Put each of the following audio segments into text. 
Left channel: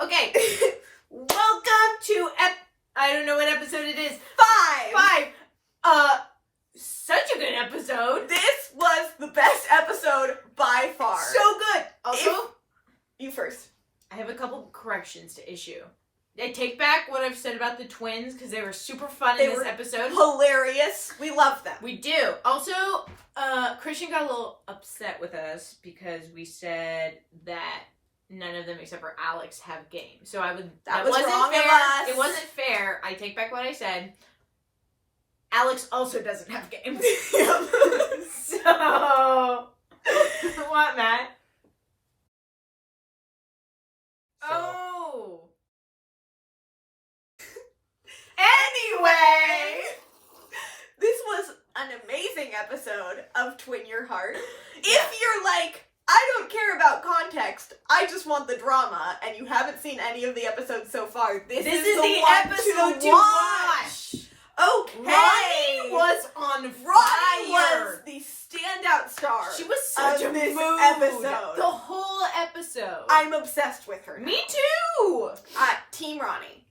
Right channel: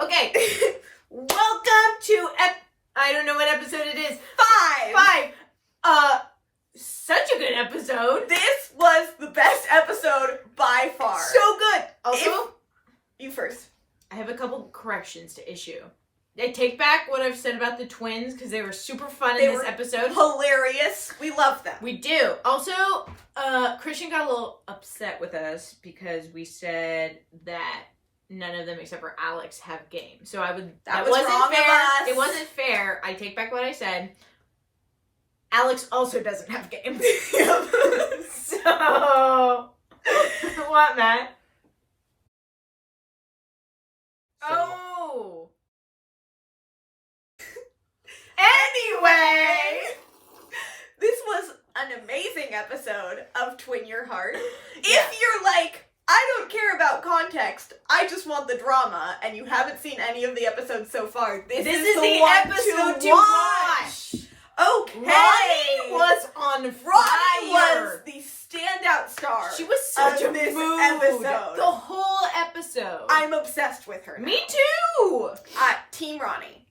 Okay. Welcome to I don't know what episode it is. 5. Such a good episode. This was the best episode by far. So good. Also, you first. I have a couple corrections to issue. I take back what I've said about the twins because they were super fun in this episode. Hilarious. We love them. We do. Also, Christian got a little upset with us because we said that none of them except for Alex have game. So that wasn't wrong fair. of us. It wasn't fair. I take back what I said. Alex also doesn't have game. So what, Matt? Oh. Anyway, this was an amazing episode of Twin Your Heart. Yeah. If you're like, I don't care about context, I just want the drama, and you haven't seen any of the episodes so far, this is the one episode to watch. Okay. Ronnie was on fire. Ronnie was the standout star. She was such a this mood. episode. The whole episode. I'm obsessed with her now. Me too. Team Ronnie.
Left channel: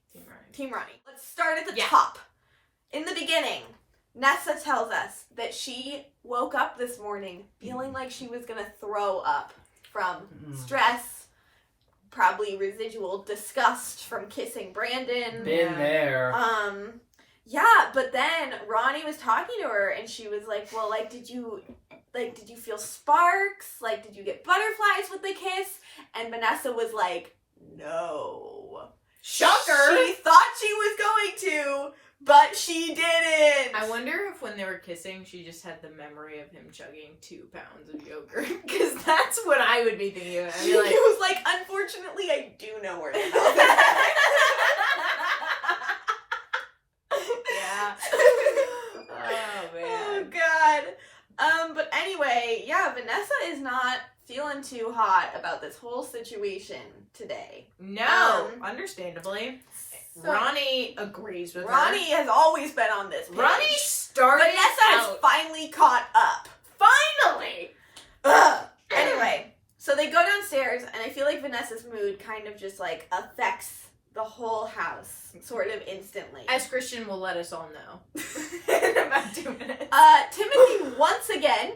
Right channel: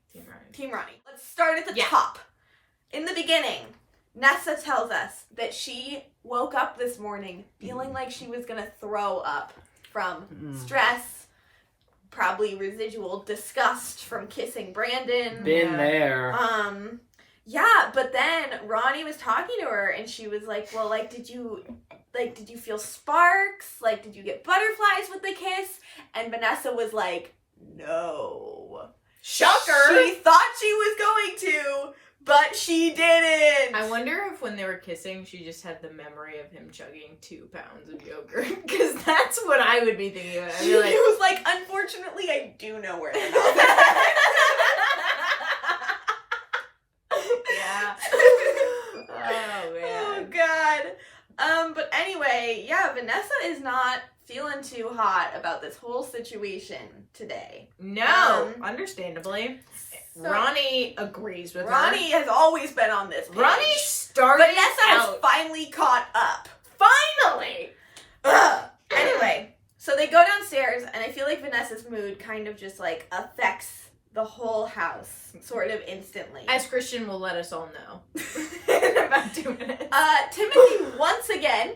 Team Ronnie. Let's start at the top. In the beginning, Nessa tells us that she woke up this morning feeling like she was going to throw up from stress, probably residual disgust from kissing Brandon. Been there. Yeah, but then Ronnie was talking to her and she was like, well, did you feel sparks? Did you get butterflies with the kiss? And Vanessa was like, no. Shocker! She thought she was going to, but she didn't. I wonder if when they were kissing, she just had the memory of him chugging 2 pounds of yogurt. Because that's what I would be thinking of. I'd be like, She was like, unfortunately, I do know where the mouth is. yeah. Oh, man. Oh, God. But anyway, yeah, Vanessa is not feeling too hot about this whole situation today. No, understandably. So Ronnie agrees with Ronnie has always been on this page. Ronnie started Vanessa has finally caught up. Finally! Ugh. Anyway, so they go downstairs, and I feel like Vanessa's mood kind of just, affects the whole house, sort of instantly. As Christian will let us all know. In about 2 minutes. Timothy, once again,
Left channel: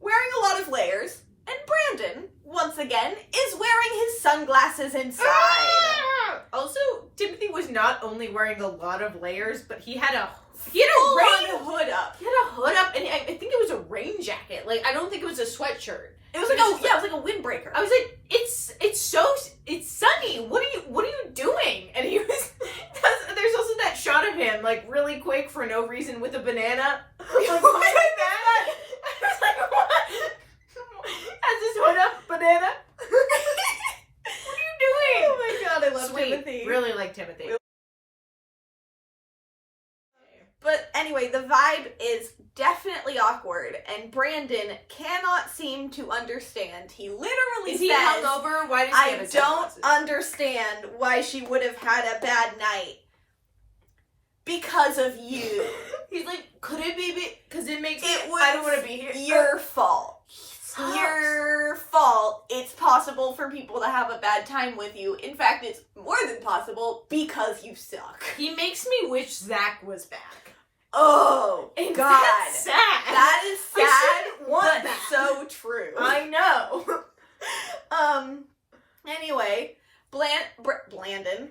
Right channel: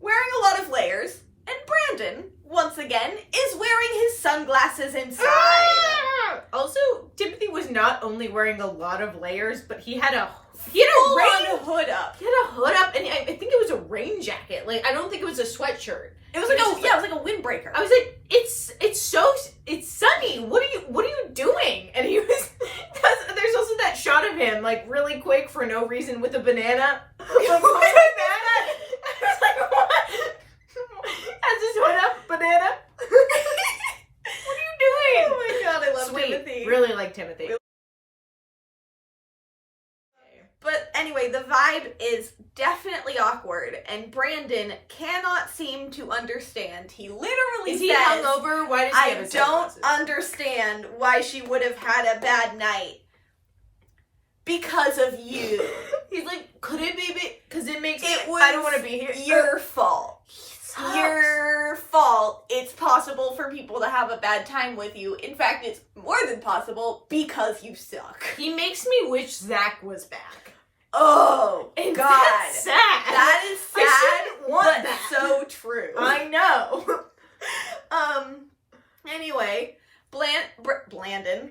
wearing a lot of layers, and Brandon, once again, is wearing his sunglasses inside. Also, Timothy was not only wearing a lot of layers, but he had a Full-on hood up. He had a hood up, and I think it was a rain jacket. I don't think it was a sweatshirt. It was like a windbreaker. I was like, it's sunny. What are you doing? And he was. There's also that shot of him really quick for no reason with a banana. Banana. I was like, what? Has his hood up, banana. What are you doing? Oh my God, I love Sweet. Timothy. Really like Timothy. But anyway, the vibe is definitely awkward, and Brandon cannot seem to understand. He literally Is he says, hungover? Why does he have I his don't sunglasses? understand why she would have had a bad night. Because of you. He's like, could it be because it makes It was I don't want to be here. Your fault. Your fault. It's possible for people to have a bad time with you. In fact, it's more than possible because you suck. He makes me wish Zach was back. Oh, And God. that's sad. That is I sad, shouldn't want but that. so true. I know. Anyway, Blandon.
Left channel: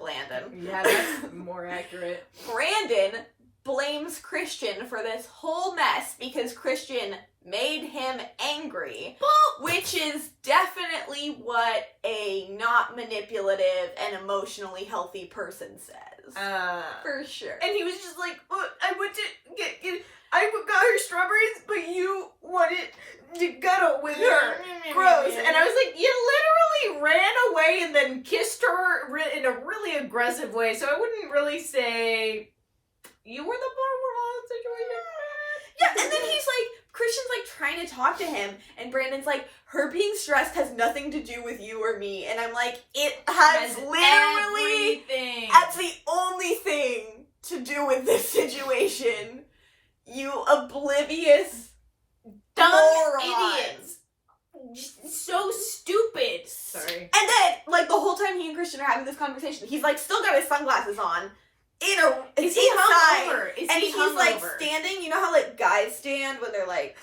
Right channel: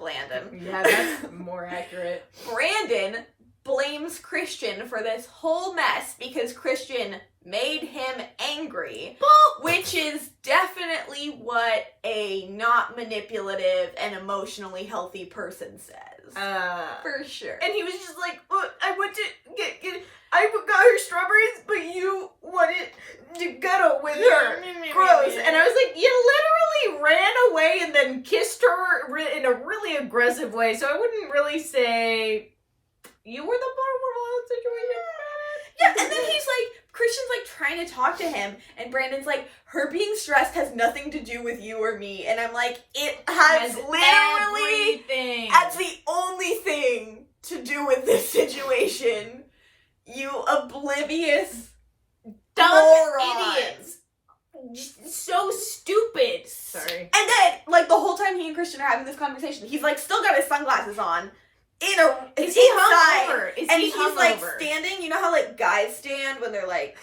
Yeah, that's more accurate. Brandon blames Christian for this whole mess because Christian made him angry, which is definitely what a not manipulative and emotionally healthy person says. For sure. And he was just like, I went to I got her strawberries, but you wanted to cuddle with her. Gross. And I was like, you literally ran away and then kissed her in a really aggressive way. So I wouldn't really say you were the more situation. Yeah, and then Christian's trying to talk to him, and Brandon's like, her being stressed has nothing to do with you or me. And I'm like, it has literally, everything. that's the only thing to do with this situation. You oblivious Dumb morons. idiots. just so stupid. Sorry. And then, like, the whole time he and Christian are having this conversation, he's, like, still got his sunglasses on. Is he hungover? And he's like standing, you know how like guys stand when they're like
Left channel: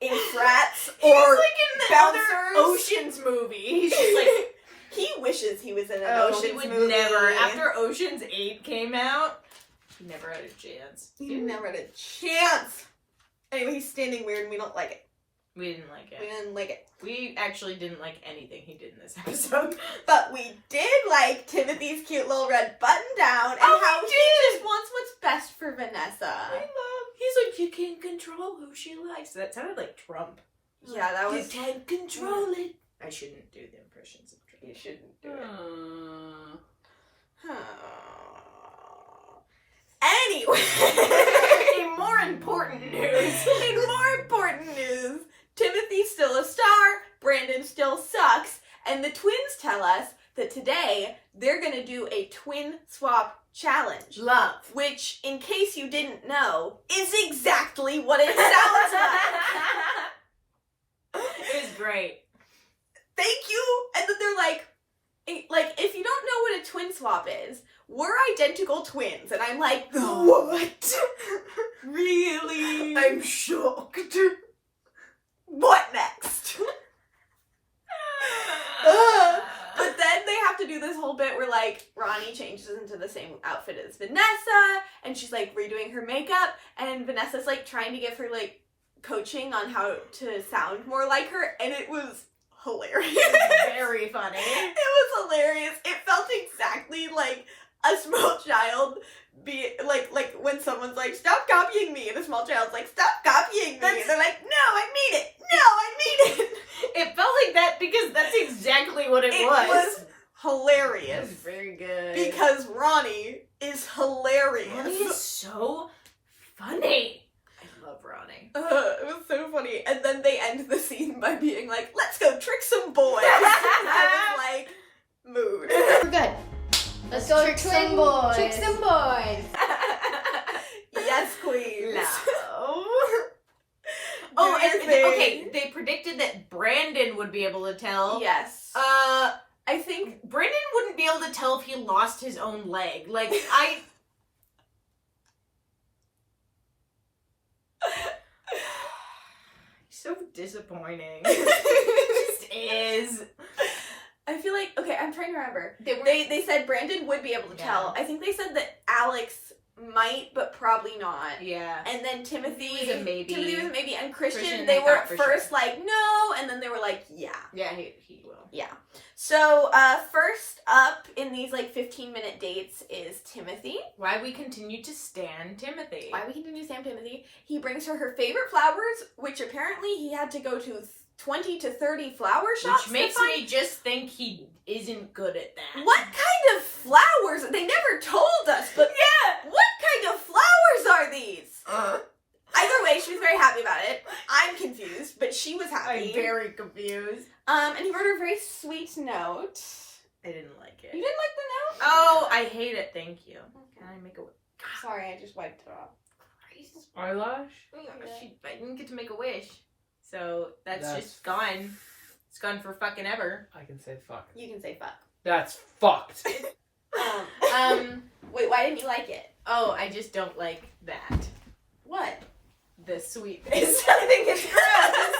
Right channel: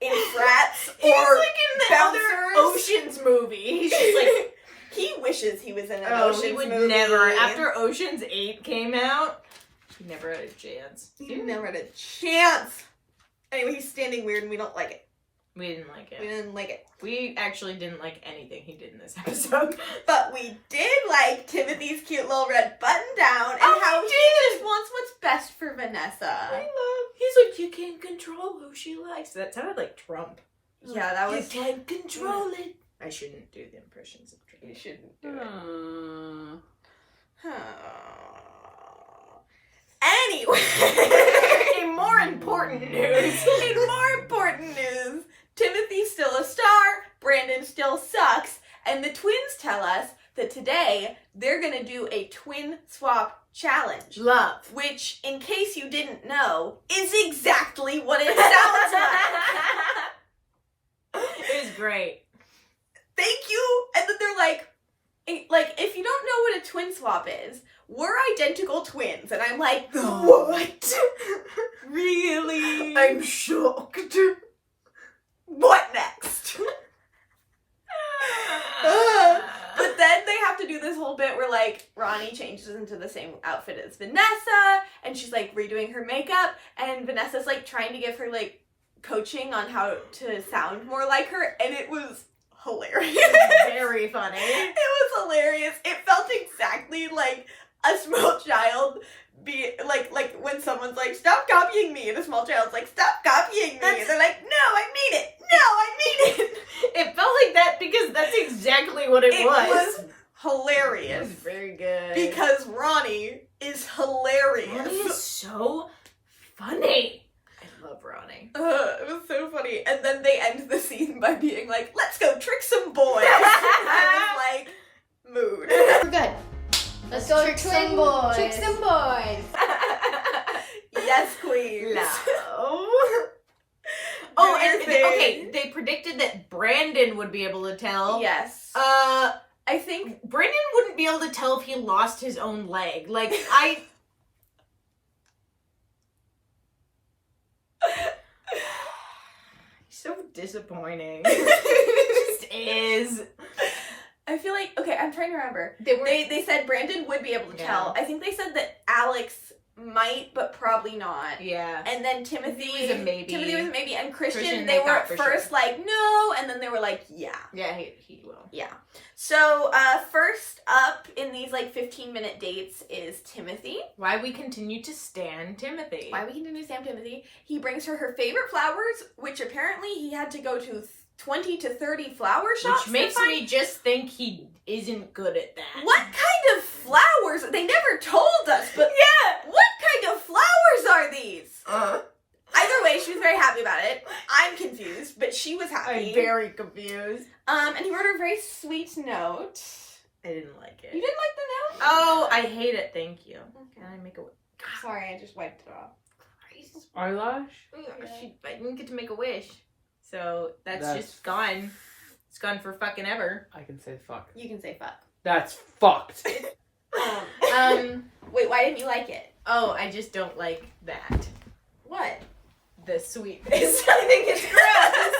in frats or like in the bouncers? other Ocean's movie. He's just like he wishes he was in an Ocean's he would movie. never. After Ocean's 8 came out, he never had a chance. He never had a chance. Anyway, he's standing weird and we don't like it. We didn't like it. We didn't like it. We actually didn't like anything he did in this episode. But we did like Timothy's cute little red button down and how he just wants what's best for Vanessa. He's like, you can't control who she likes. That sounded like Trump. Yeah, that was... You can't control it. I shouldn't do the impressions of Trump. You shouldn't do it. Anyway. In more important news, Timothy's still a star, Brandon still sucks, and the twins tell us that today they're gonna do a twin swap challenge. Love. Which, in case you didn't know, is exactly what it sounds like. It was great. Thank you. And then they're like, if you don't know what a twin swap is, we're identical twins. And I'm like, what? Really? I'm shocked. What next? But then they have to do this whole bit where, like, Ronnie changes into the same outfit as Vanessa, and she's, like, redoing her makeup, and Vanessa's, like, trying to give her, like, coaching on how to sound more like her, and it was hilarious. Very funny. It was hilarious. It felt exactly like a small child like when someone's like, stop copying me, and a small child's like, stop copying me, and they're like, no, I mean it. No, I mean it. It felt like that because that's exactly what it was. It was hilarious. It was very good. Because Ronnie is hilarious. Ronnie is so funny. I love Ronnie. It was so funny. And then they end the scene by being like, let's go trick some boys. I was like, mood. We're good. Let's go trick some boys. Trick some boys. Yes, queen. No. Oh, and okay, they predicted that Brandon would be able to tell. Yes. I think Brandon wouldn't be able to tell if he lost his own leg. Like, He's so disappointing. He just is. I feel like, okay, I'm trying to remember. They They said Brandon would be able to tell. I think they said that Alex might, but probably not. Yeah. And then Timothy was a maybe. And Christian, they they were thought for first sure. like, no, and then they were like, yeah. Yeah, he will. Yeah. So, first up in these, like, 15-minute dates is Timothy. Why we continue to stan Timothy. Why we continue to stand Timothy. He brings her favorite flowers, which apparently he had to go to 20 to 30 flower shops. Which makes me just think he isn't good at that. What kind of flowers? They never told us, but yeah, what kind of flowers are these? Either way, she was very happy about it. I'm confused, but she was happy. I'm very confused. And he wrote her a very sweet note. I didn't like it. You didn't like the note? Oh, I hate it. Thank you. Okay. Can I make a wish? Sorry, I just wiped it off. Eyelash? I didn't get to make a wish. So that's just gone. It's gone for fucking ever. I can say fuck. You can say fuck. That's fucked. Wait, why didn't you like it? Oh, I just don't like that. What? The sweetness. I think it's gross.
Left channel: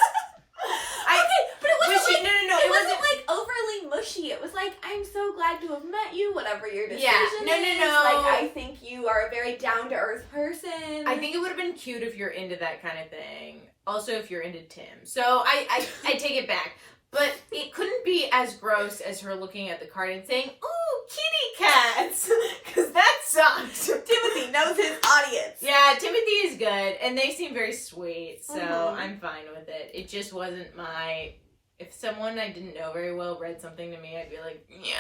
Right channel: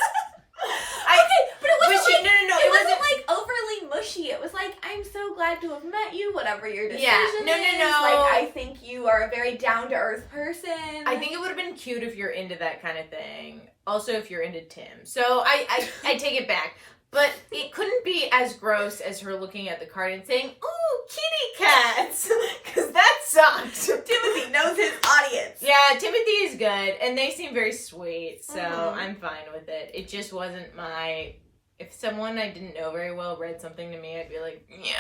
Okay, but it wasn't mushy. like, No. it wasn't like overly mushy. It was like, I'm so glad to have met you, whatever your decision is. No. Like, I think you are a very down-to-earth person. I think it would have been cute if you're into that kind of thing. Also, if you're into Tim. So I take it back. But it couldn't be as gross as her looking at the card and saying, ooh, kitty cats. Because that sucked. Timothy knows his audience. Yeah, Timothy is good. And they seem very sweet. So I'm fine with it. It just wasn't my... If someone I didn't know very well read something to me, I'd be like, yeah,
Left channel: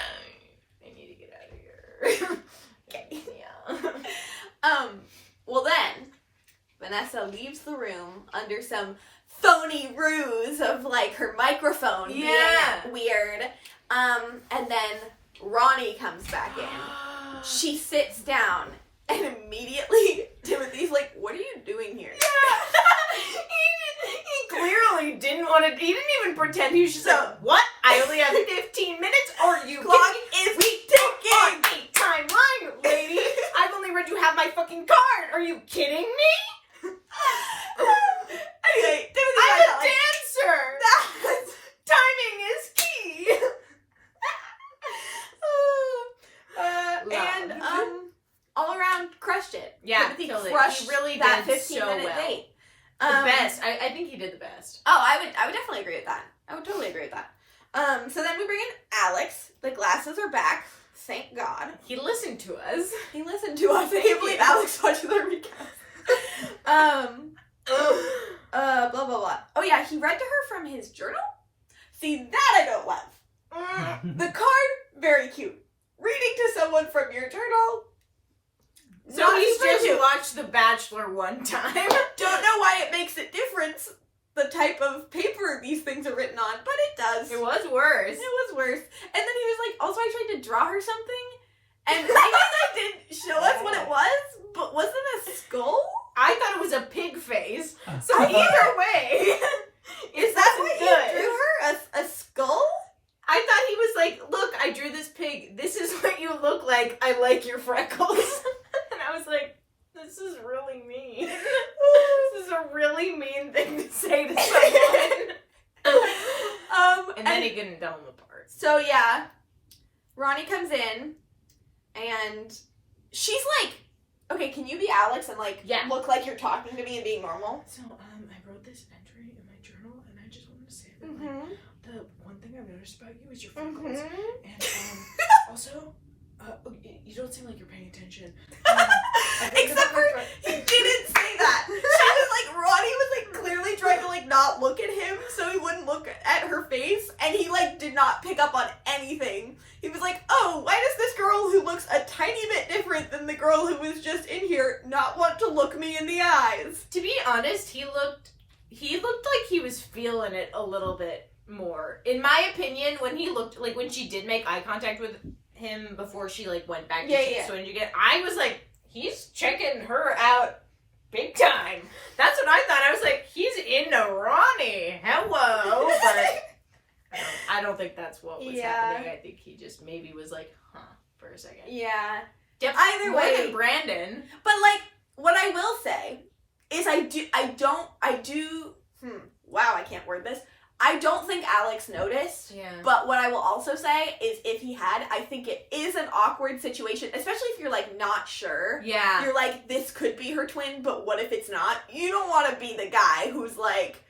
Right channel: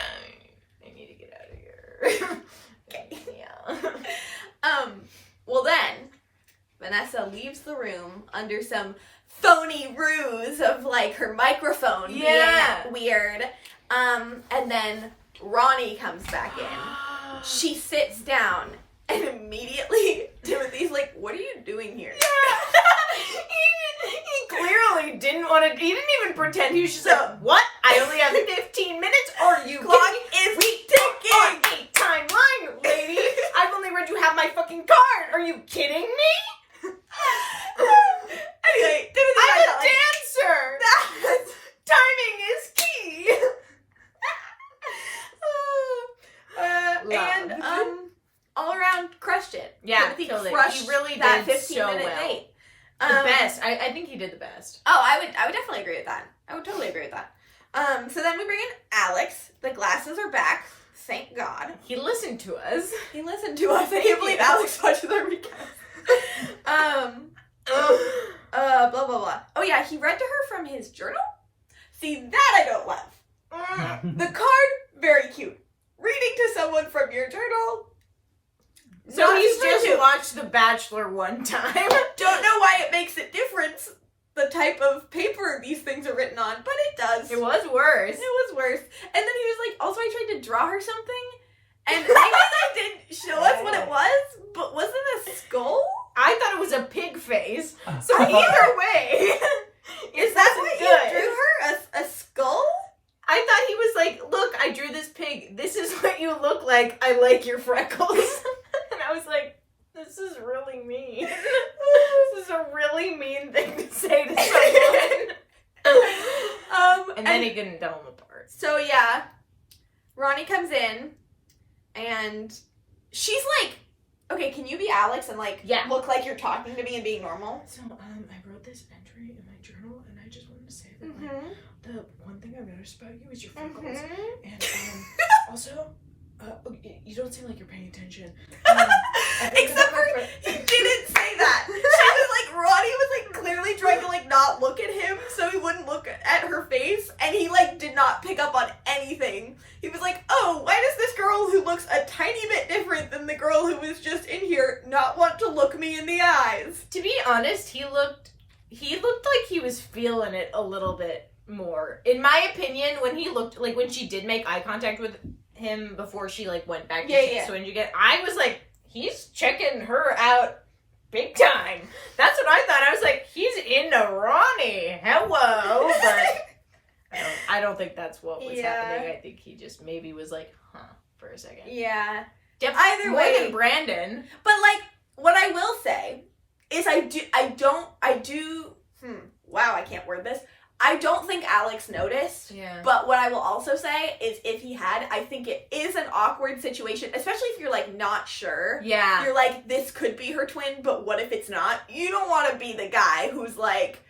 I need to get out of here. Okay. Yeah. Well then, Vanessa leaves the room under some phony ruse of, like, her microphone being weird. And then Ronnie comes back in. She sits down, and immediately Timothy's like, what are you doing here? Yeah. He clearly didn't want to. He didn't even pretend. He was just like, "What? I only have 15 minutes. Or you Clock kidding me? is On ticking. a timeline, lady. I've only read you half my fucking card. Are you kidding me? Anyway, I'm a dancer. Timing is key." And all around crushed it. Yeah, Timothy killed it. crushed He really that did 15-minute so well. date. The best. I think he did the best. Oh, I would definitely agree with that. I would totally agree with that. So then we bring in Alex. The glasses are back. Thank God. He listened to us. He listened to us. I Thank can't believe you. Alex watched the recap. Blah blah blah. Oh yeah, he read to her from his journal. See, that I don't love. The card, very cute. Reading to someone from your journal. So not he's super just cute. watched The Bachelor one time. Don't know why it makes it different, the type of paper these things are written on, but it does. It was worse. It was worse. And then he was like, also I tried to draw her something, and maybe they didn't show us what it was, but was it a skull? I thought it was a pig face. So either way, Is that what good. you drew her? A skull? I thought he was like, "Look, I drew this pig. This is what you look like. I like your freckles." And I was like, "This is really mean. This is a really mean thing to say to someone." And then he couldn't tell them apart. So yeah, Ronnie comes in, and she's like, "Okay, can you be Alex and like look like you're talking to me and being normal?" So I wrote this entry in my journal, and I just wanted to say that like, the one thing I've noticed about you is your freckles, and also you don't seem like you're paying attention. Except for he didn't say that. She was like, Ronnie was like clearly trying to like not look at him so he wouldn't look at her face, and he like did not pick up on anything. He was like, "Oh, why does this girl who looks a tiny bit different than the girl who was just in here not want to look me in the eyes?" To be honest, he looked like he was feeling it a little bit more. In my opinion, when he looked like when she did make eye contact with him before she like went back to Swinge again, I was like, he's checking her out big time. That's what I thought. I was like, he's into Ronnie. Hello. But I don't think that's what was happening. I think he just maybe was like, huh, for a second. Yeah. Either More way, than Brandon. But like, what I will say is wow, I can't word this. I don't think Alex noticed. Yeah. But what I will also say is if he had, I think it is an awkward situation, especially if you're like not sure. Yeah. You're like, this could be her twin, but what if it's not? You don't want to be the guy who's like,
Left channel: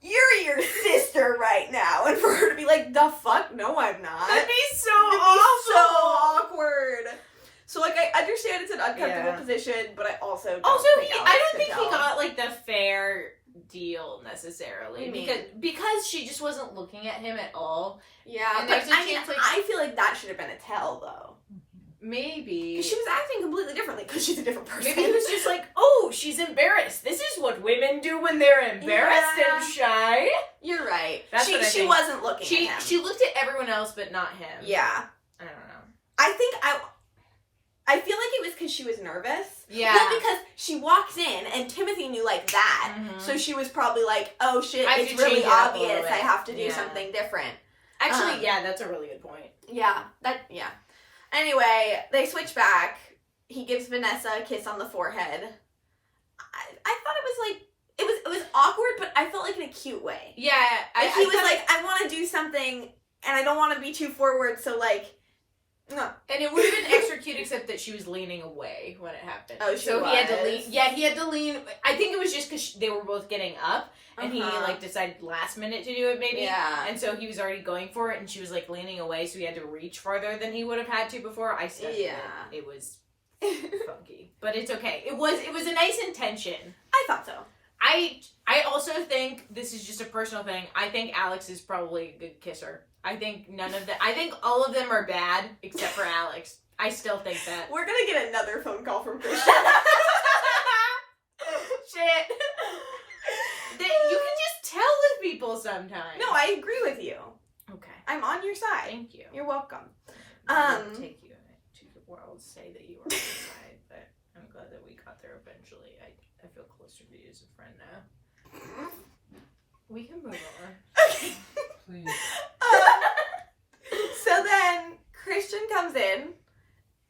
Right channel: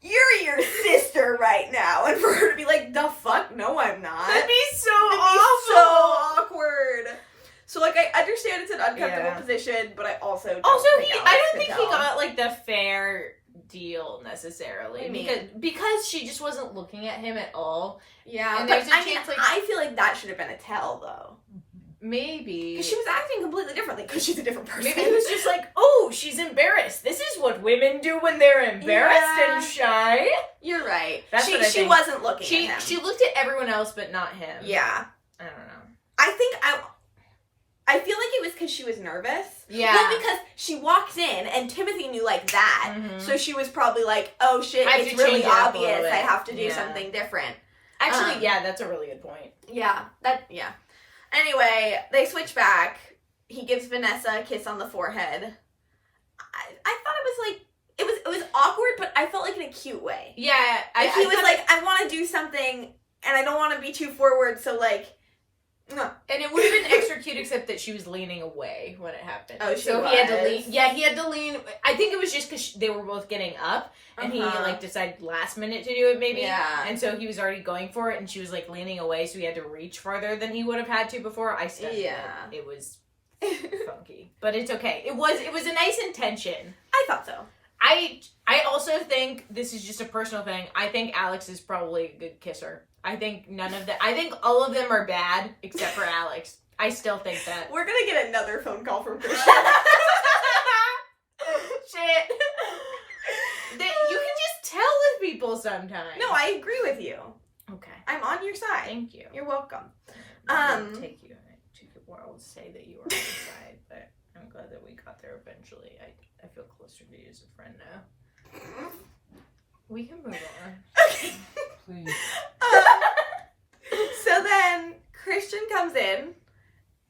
you're your sister right now. And for her to be like, the fuck? No, I'm not. That'd be so It'd awful. be so awkward. So like, I understand it's an uncomfortable position, but I also don't think Alex I don't could think he tell. got like the fair deal necessarily. What do you because she just wasn't looking at him at all. Yeah, And but there's a I mean, chance, like- I feel like that should have been a tell though. Maybe. Because she was acting completely differently because she's a different person. Maybe he was just like, oh, she's embarrassed. This is what women do when they're embarrassed and shy. You're right. That's she, what I she think. wasn't looking She at him. she looked at everyone else but not him. Yeah. I don't know. I think I feel like it was because she was nervous. Yeah. Well, because she walked in and Timothy knew like that. Mhm. So she was probably like, oh shit, I have it's to really change it up a obvious. little bit. I have to do Yeah. something different. Actually, yeah, that's a really good point. Yeah. Anyway, they switch back. He gives Vanessa a kiss on the forehead. I thought it was like, it was awkward, but I felt like in a cute way. Yeah. Like he was thought like, I want to do something and I don't want to be too forward, so like, and it would have been extra cute, except that she was leaning away when it happened. Oh, she so he had to was? lean. Yeah, he had to lean. I think it was just because they were both getting up, and he Uh-huh. like decided last minute to do it, maybe. Yeah. And so he was already going for it, and she was like leaning away, so he had to reach farther than he would have had to before. I said, it was funky, but it's okay. It was a nice intention. I thought so. I also think this is just a personal thing. I think Alex is probably a good kisser. I think none of them. I think all of them are bad except for Alex. I still think that. We're gonna get another phone call from Christian. Shit. You can just tell with people sometimes. No, I agree with you. Okay. I'm on your side. Thank you. You're welcome. I'll take you to the world, say that you are on my side, but I'm glad that we got there eventually. I feel closer to you as a friend now. We can move on. Okay. Please. So then Christian comes in,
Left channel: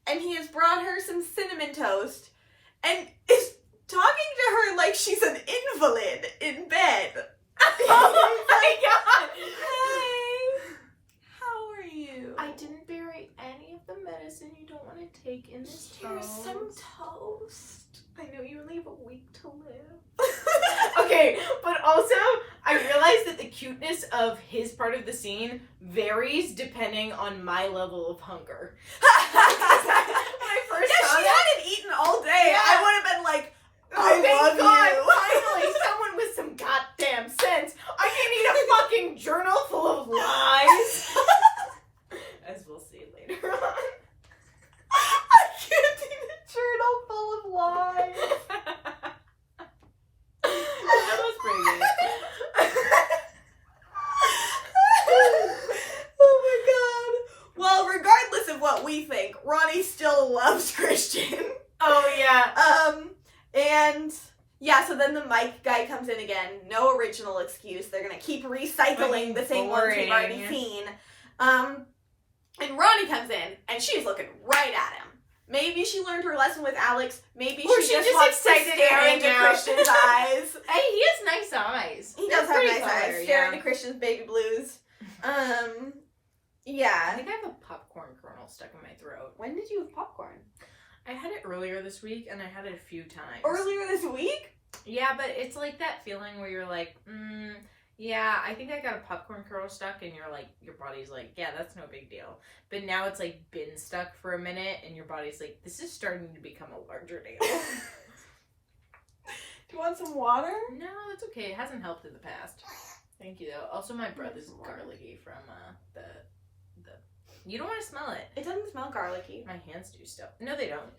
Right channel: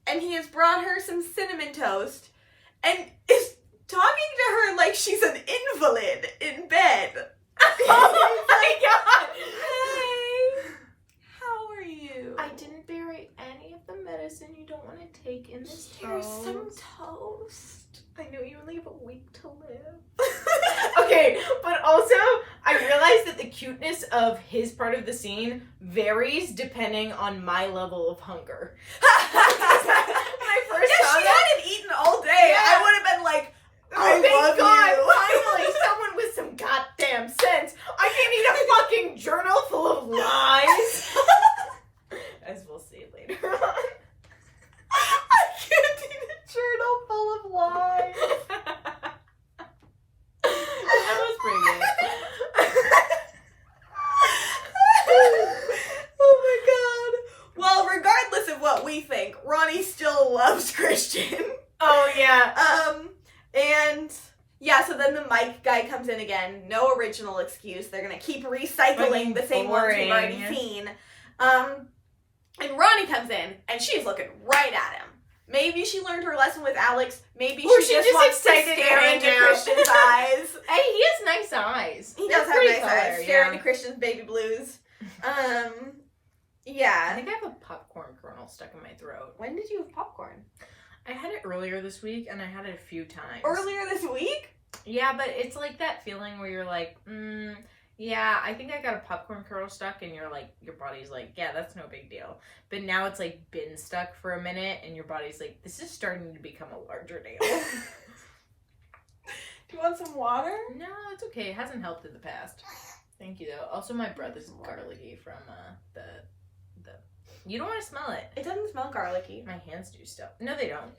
and he has brought her some cinnamon toast, and is talking to her like she's an invalid in bed. Oh my god! Hey, how are you? I didn't bury any of the medicine you don't want to take in this Here's toast. some toast. I know you only have a week to live. Okay, but also, I realized that the cuteness of his part of the scene varies depending on my level of hunger. When I first Yeah, saw she that, hadn't eaten all day. Yeah. I would have been like, I thank love God, you. finally, someone with some goddamn sense. I can't eat a fucking journal full of lies. As we'll see later on. I can't eat a journal full of lies. That was pretty good. Oh my god. Well, regardless of what we think, Ronnie still loves Christian. Oh yeah. And yeah, so then the mic guy comes in again. No original excuse. They're gonna keep recycling the same ones we've already seen. And Ronnie comes in, and she's looking right at him. Maybe she learned her lesson with Alex. Maybe Or she she's just just wants to excited to stare hang into out. Christian's eyes. Hey, he has nice eyes. He They're does have pretty nice color, eyes. Stare yeah. into Christian's baby blues. I Yeah. think I have a popcorn kernel stuck in my throat. When did you have popcorn? I had it earlier this week, and I had it a few times. Earlier this week? Yeah, but it's like that feeling where you're like, yeah, I think I got a popcorn kernel stuck, and you're like, your body's like, yeah, that's no big deal. But now it's like been stuck for a minute, and your body's like, this is starting to become a larger deal. Do you want some water? No, it's okay. It hasn't helped in the past. Thank you, though. Also, my breath is garlicky from the. You don't want to smell it. It doesn't smell garlicky. My hands do still. No, they don't.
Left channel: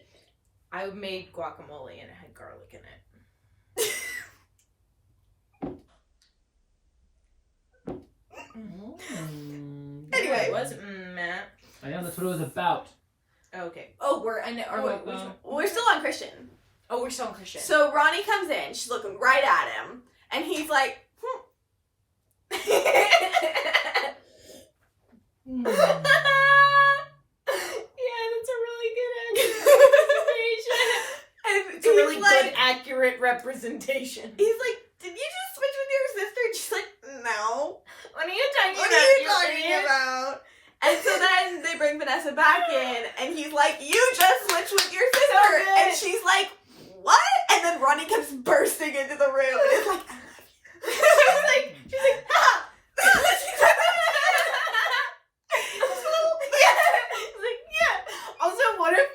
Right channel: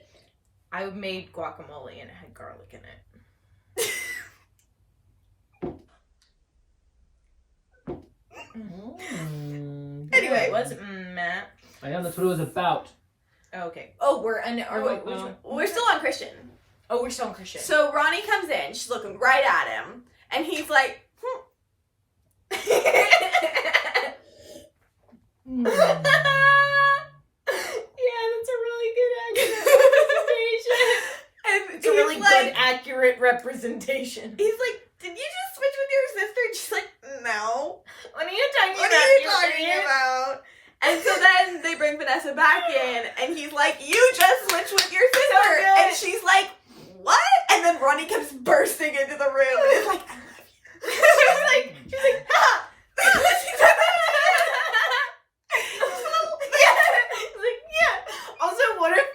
I made guacamole and it had garlic in it. Anyway. It was Matt. I know that's what it was about. Okay. Oh, we're I know. Which one? We're still on Christian. Oh, we're still on Christian. So Ronnie comes in. She's looking right at him. And he's like, Yeah, that's a really good representation. and It's a really he's like, good, accurate representation. he's like, did you just switch with your sister? And she's like, no. What are you talking What about? are you you talking idiot? about? And so then they bring Vanessa back in, and he's like, you just switched with your sister. good. And she's like, what? And then Ronnie comes bursting into the room, and it's like, I love you. she's like, ha! He's like, yeah. Also, what if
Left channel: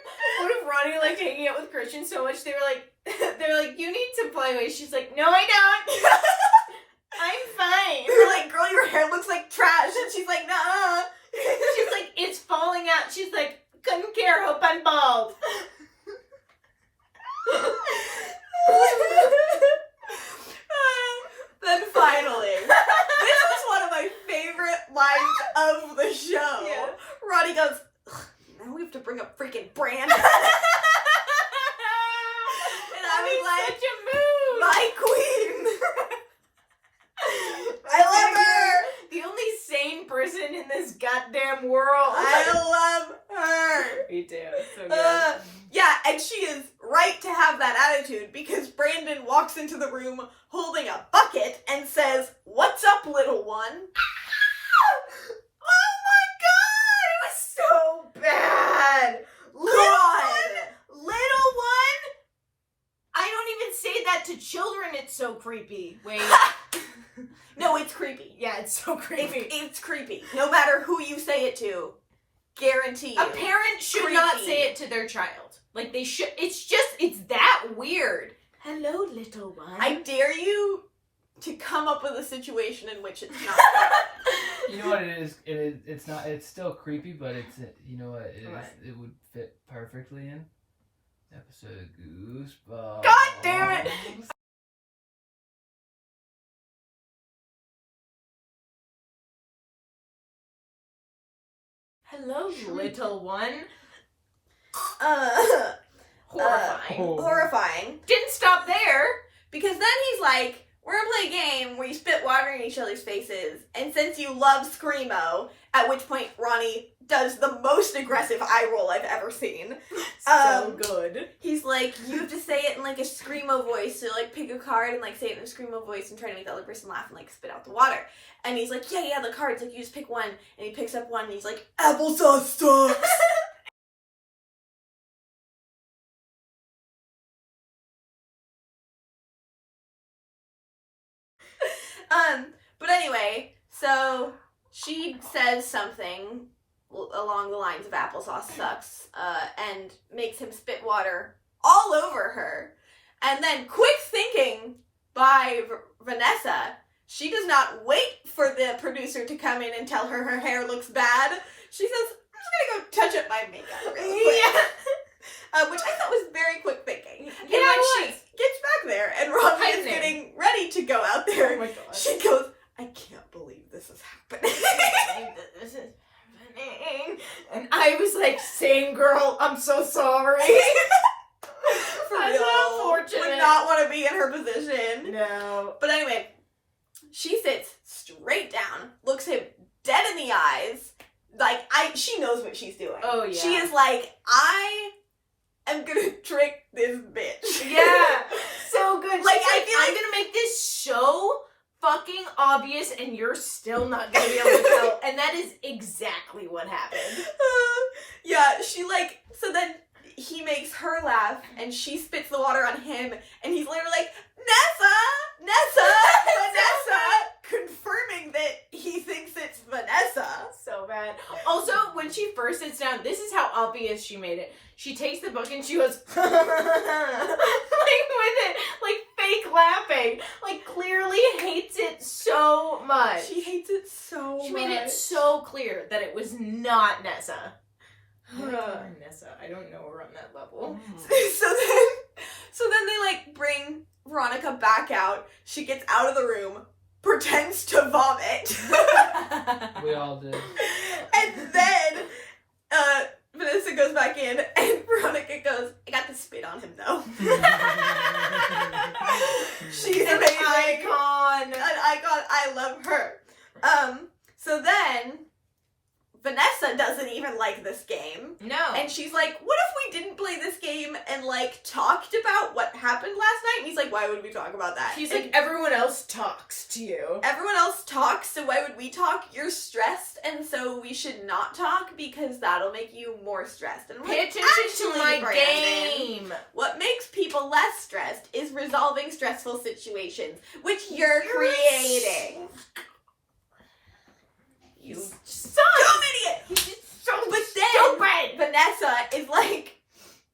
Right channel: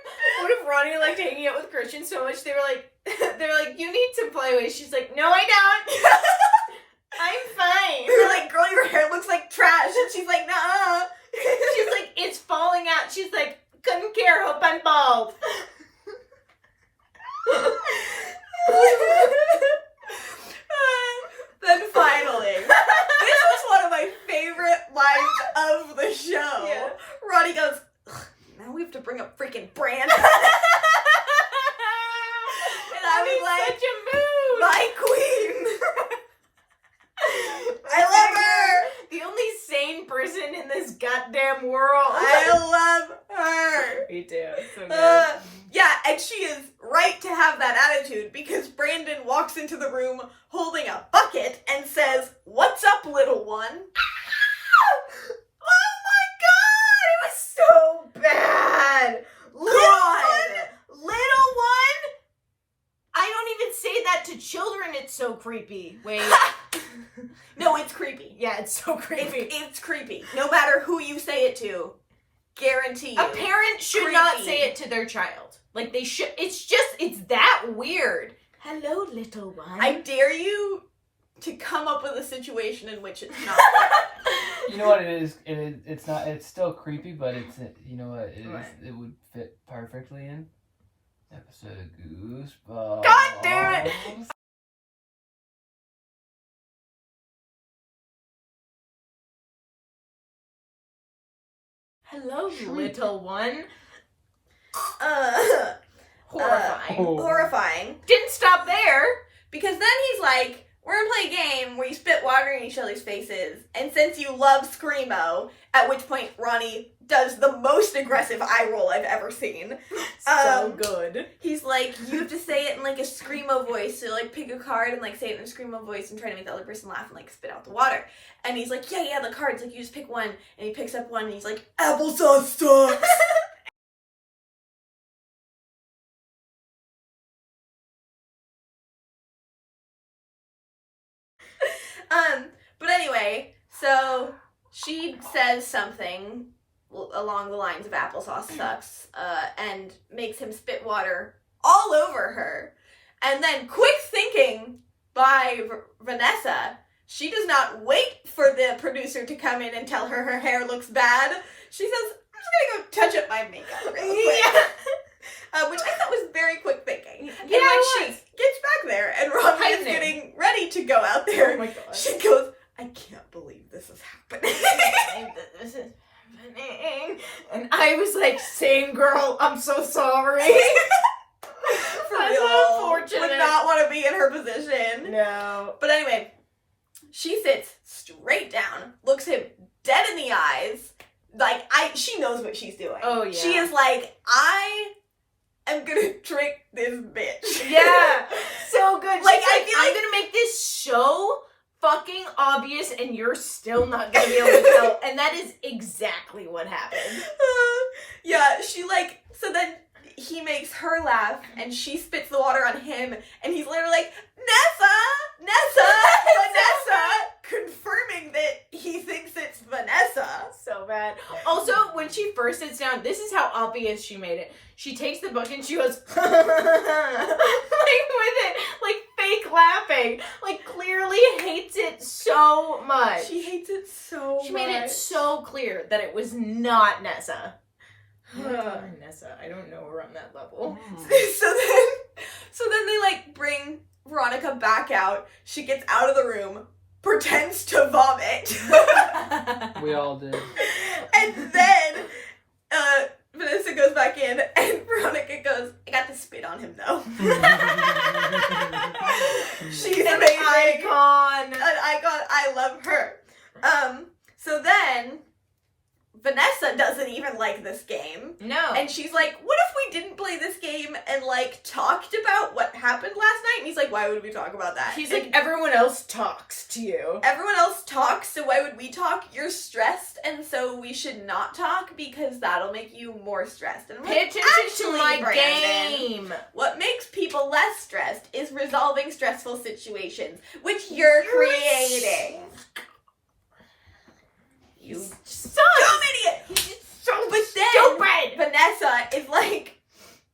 Ronnie liked hanging out with Christian so much they're like, you need some playways. She's like, no, I don't. I'm fine. They're like, girl, your hair looks like trash. And she's like, nah. She's like, it's falling out. She's like, couldn't care. Hope I'm bald. Then finally, this was one of my favorite lines of the show. Yeah. Ronnie goes, now we have to bring up freaking Brandon. And I was like, such a mood. my queen. I love her. The only sane person in this goddamn world. I love her. Me too. So good. Yeah, and she is right to have that attitude because Brandon walks into the room holding a bucket and says, "What's up, little one?" Oh my god! It was so bad! Little one? I don't even say that to children, it's so creepy. Wait. No, it's creepy. Yeah, it's so creepy. It's creepy. No matter who you say it to, guarantee you. A parent should not Creepy. say it to their child. Like, they should. It's that weird. Hello, little one. I dare you to come up with a situation in which it's not. You know what it is? It's not. It's still creepy, but it's. You know what it is? What? It would fit perfectly in episode of Goosebumps. God damn it! Hello, little one. Horrifying. Oh. Horrifying. Didn't stop there. Because then he's like, we're gonna play a game where you spit water in each other's faces, and since you love Screamo, at which point Ronnie does the most aggressive eye roll I've ever seen. So good. He's like, you have to say it in like a Screamo voice, so like pick a card and like say it in a Screamo voice and try to make the other person laugh and like spit out the water. And he's like, yeah, the cards, like you just pick one, and he picks up one and he's like, applesauce sucks! But anyway, so she says something along the lines of applesauce sucks, and makes him spit water all over her. And then, quick thinking by Vanessa, she does not wait for the producer to come in and tell her her hair looks bad. She says, I'm just gonna go touch up my makeup real quick. Yeah. Which I thought was very quick thinking. And Yeah, when it she was. gets back there and Ronnie is Tightening. getting ready to go out there, Oh my god. she goes, I can't believe this is happening. This is happening. And I was like, same girl, I'm so sorry. For That's real. unfortunate. Would not want to be in her position. No. But anyway, she sits straight down, looks him dead in the eyes. Like, she knows what she's doing. Oh, yeah. She is like, I am gonna trick this bitch. Yeah. So good. Like, She's I feel I'm like- gonna make this so fucking obvious and you're still not gonna be able to tell. And that is exactly what happened. Yeah, she like, so then he makes her laugh and she spits the water on him and he's literally like, Nessa, confirming that he thinks it's Vanessa. So bad. Also, when she first sits down, this is how obvious she made it. She takes the book and she goes, like with it, like fake laughing. Like clearly hates it so much. She hates it so much. She made it so clear that it was not Nessa. Nessa, I don't know her on that level. So then they like bring Veronica back out. She gets out of the room, pretends to vomit. We all do. And then Vanessa goes back in and Veronica goes, I got to spit on him though. She's An amazing. icon. An icon. I love her. So then Vanessa doesn't even like this game. No. And she's like, what if we didn't play this game and, like, talked about what happened last night? And he's like, why would we talk about that? He's and like, everyone else talks to you. everyone else talks, so why would we talk? You're stressed, and so we should not talk because that'll make you more stressed. And I'm Pay like, attention actually, to my Brandon, game. what makes people less stressed is resolving stressful situations, which you're creating. You dumb idiot! So But then stupid. Vanessa is like,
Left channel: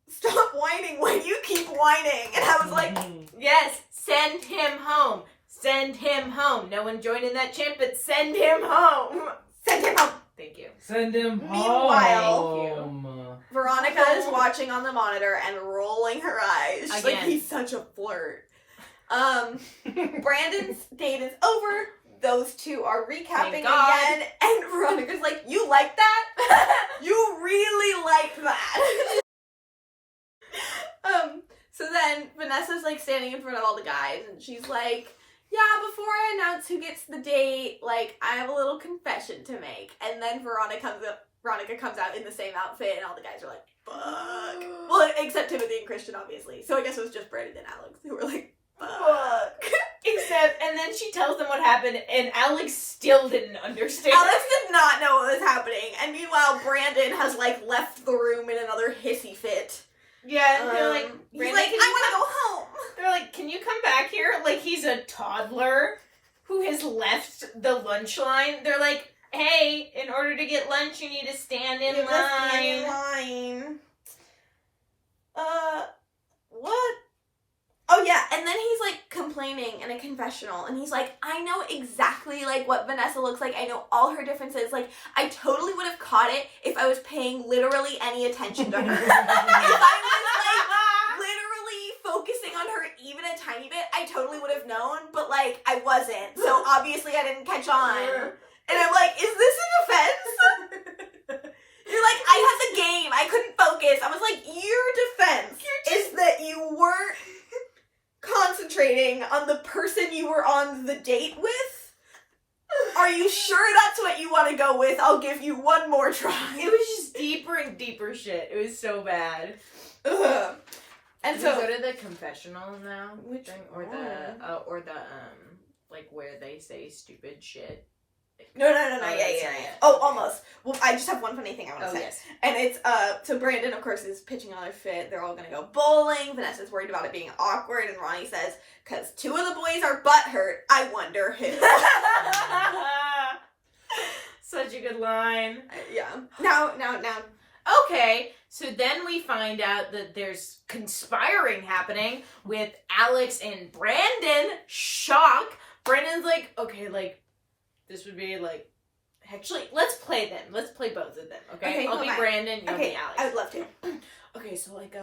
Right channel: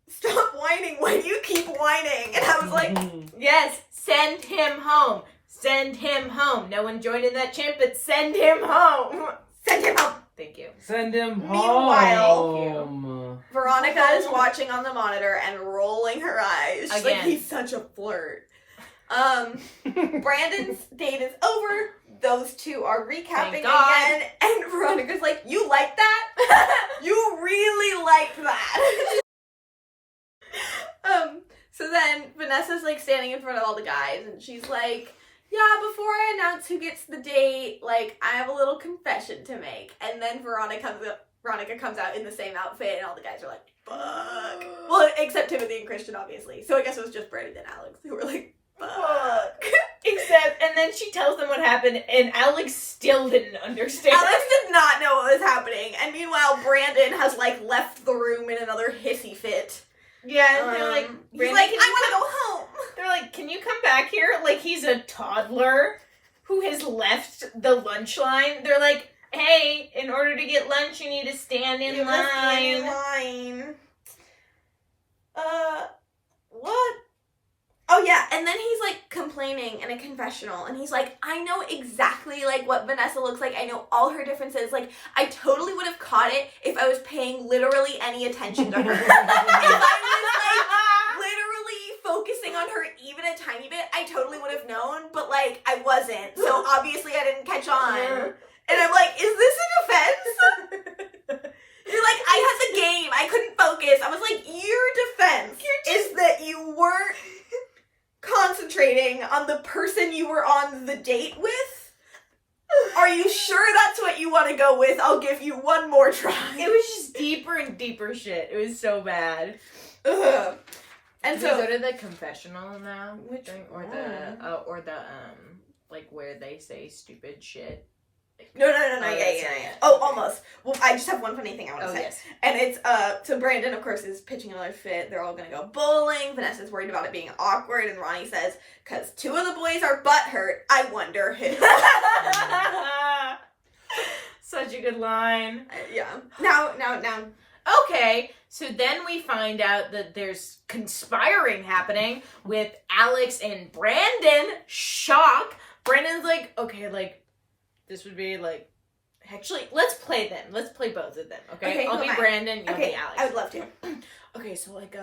stop whining when you keep whining. And I was like, Yes, send him home. Send him home. No one joined in that chant, but send him home. send him home. Thank you. Send him Meanwhile- home. Veronica is watching on the monitor and rolling her eyes. She's like, Again. he's such a flirt. Brandon's date is over. Those two are recapping Thank God. again. And Veronica's like, you like that? You really like that. So then Vanessa's like standing in front of all the guys and she's like, yeah, before I announce who gets the date, like, I have a little confession to make. And then Veronica comes out in the same outfit and all the guys are like, fuck. Well, except Timothy and Christian, obviously. So I guess it was just Brandon and Alex who were like, fuck. Except, and then she tells them what happened, and Alex still didn't understand. Alex did not know what was happening. And meanwhile, Brandon has, like, left the room in another hissy fit. Yeah, they're like, He's Brandon, like, can I you want to come-" go home. They're like, can you come back here? Like he's a toddler who has left the lunch line. They're like, hey, in order to get lunch, you need to stand in You line. must stand in line. What? Oh yeah, and then he's like complaining in a confessional, and he's like, I know exactly like what Vanessa looks like. I know all her differences. Like, I totally would have caught it if I was paying literally any attention to her. If I was like literally focusing on her even a tiny bit, I totally would have known, but like I wasn't. So obviously I didn't catch on. And I'm like, is this an offense? You're like, I had the game. I couldn't focus. I was like, your defense is that you weren't concentrating cheating on the person you were on the date with? Are you sure that's what you want to go with? I'll give you one more try. It was just deeper and deeper shit. It was so bad. Ugh. And Did so we go to the confessional now? Which or the like where they say stupid shit? No, Oh, yeah. that's not it. Oh, Okay. almost. Well, I just have one funny thing I want to Oh, say. yes. And it's, so Brandon, of course, is pitching another fit. They're all gonna go bowling. Vanessa's worried about it being awkward, and Ronnie says, "'Cause two of the boys are butthurt, I wonder who." Such a good line. Yeah. Now. Okay, so then we find out that there's conspiring happening with Alex and Brandon. Shock. Brandon's like, okay, like, this would be like, actually, let's play them. Let's play both of them, okay? Okay, I'll who be am I? Brandon, you'll Okay, be Alex. I would love to. Okay, so like,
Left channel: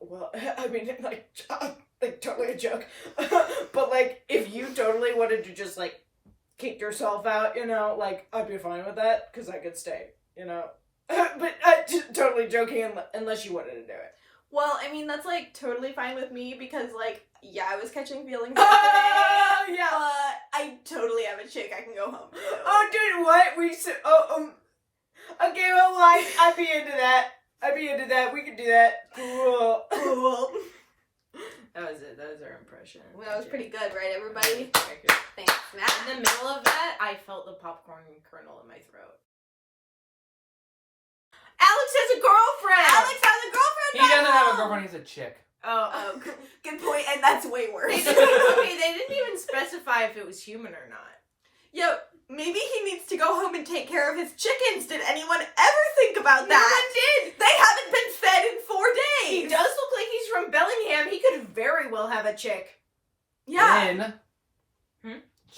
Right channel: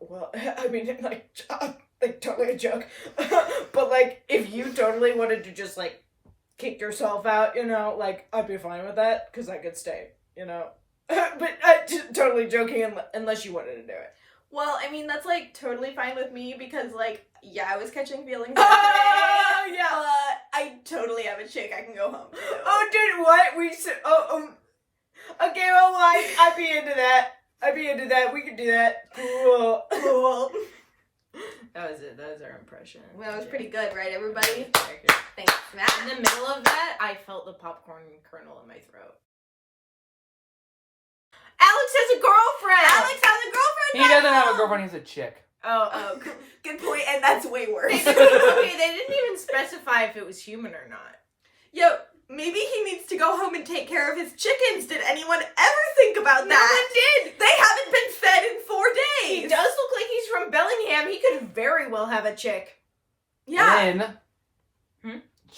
well, I mean, like totally a joke. But like, if you totally wanted to just like kick yourself out, you know, like, I'd be fine with that, because I could stay, you know? But just totally joking, unless you wanted to do it. Well, I mean, that's, like, totally fine with me, because, like, yeah, I was catching feelings Oh, today, yeah. but I totally have a chick I can go home to. Oh, dude, what? Okay, well, I'd be into that. We could do that. Cool. Cool. That was it. That was our impression. Well, that was pretty good, right, everybody? Very good. Thanks, Matt. In the middle of that, I felt the popcorn kernel in my throat. Alex has a girlfriend! Alex has a girlfriend He back doesn't have a home! girlfriend, he's a chick. Oh, Good point, and that's way worse. they didn't even specify if it was human or not. Yo, maybe he needs to go home and take care of his chickens. Did anyone ever think about No that? one did! They haven't been fed in 4 He days! does look like he's from Bellingham. He could very well have a chick. Yeah. And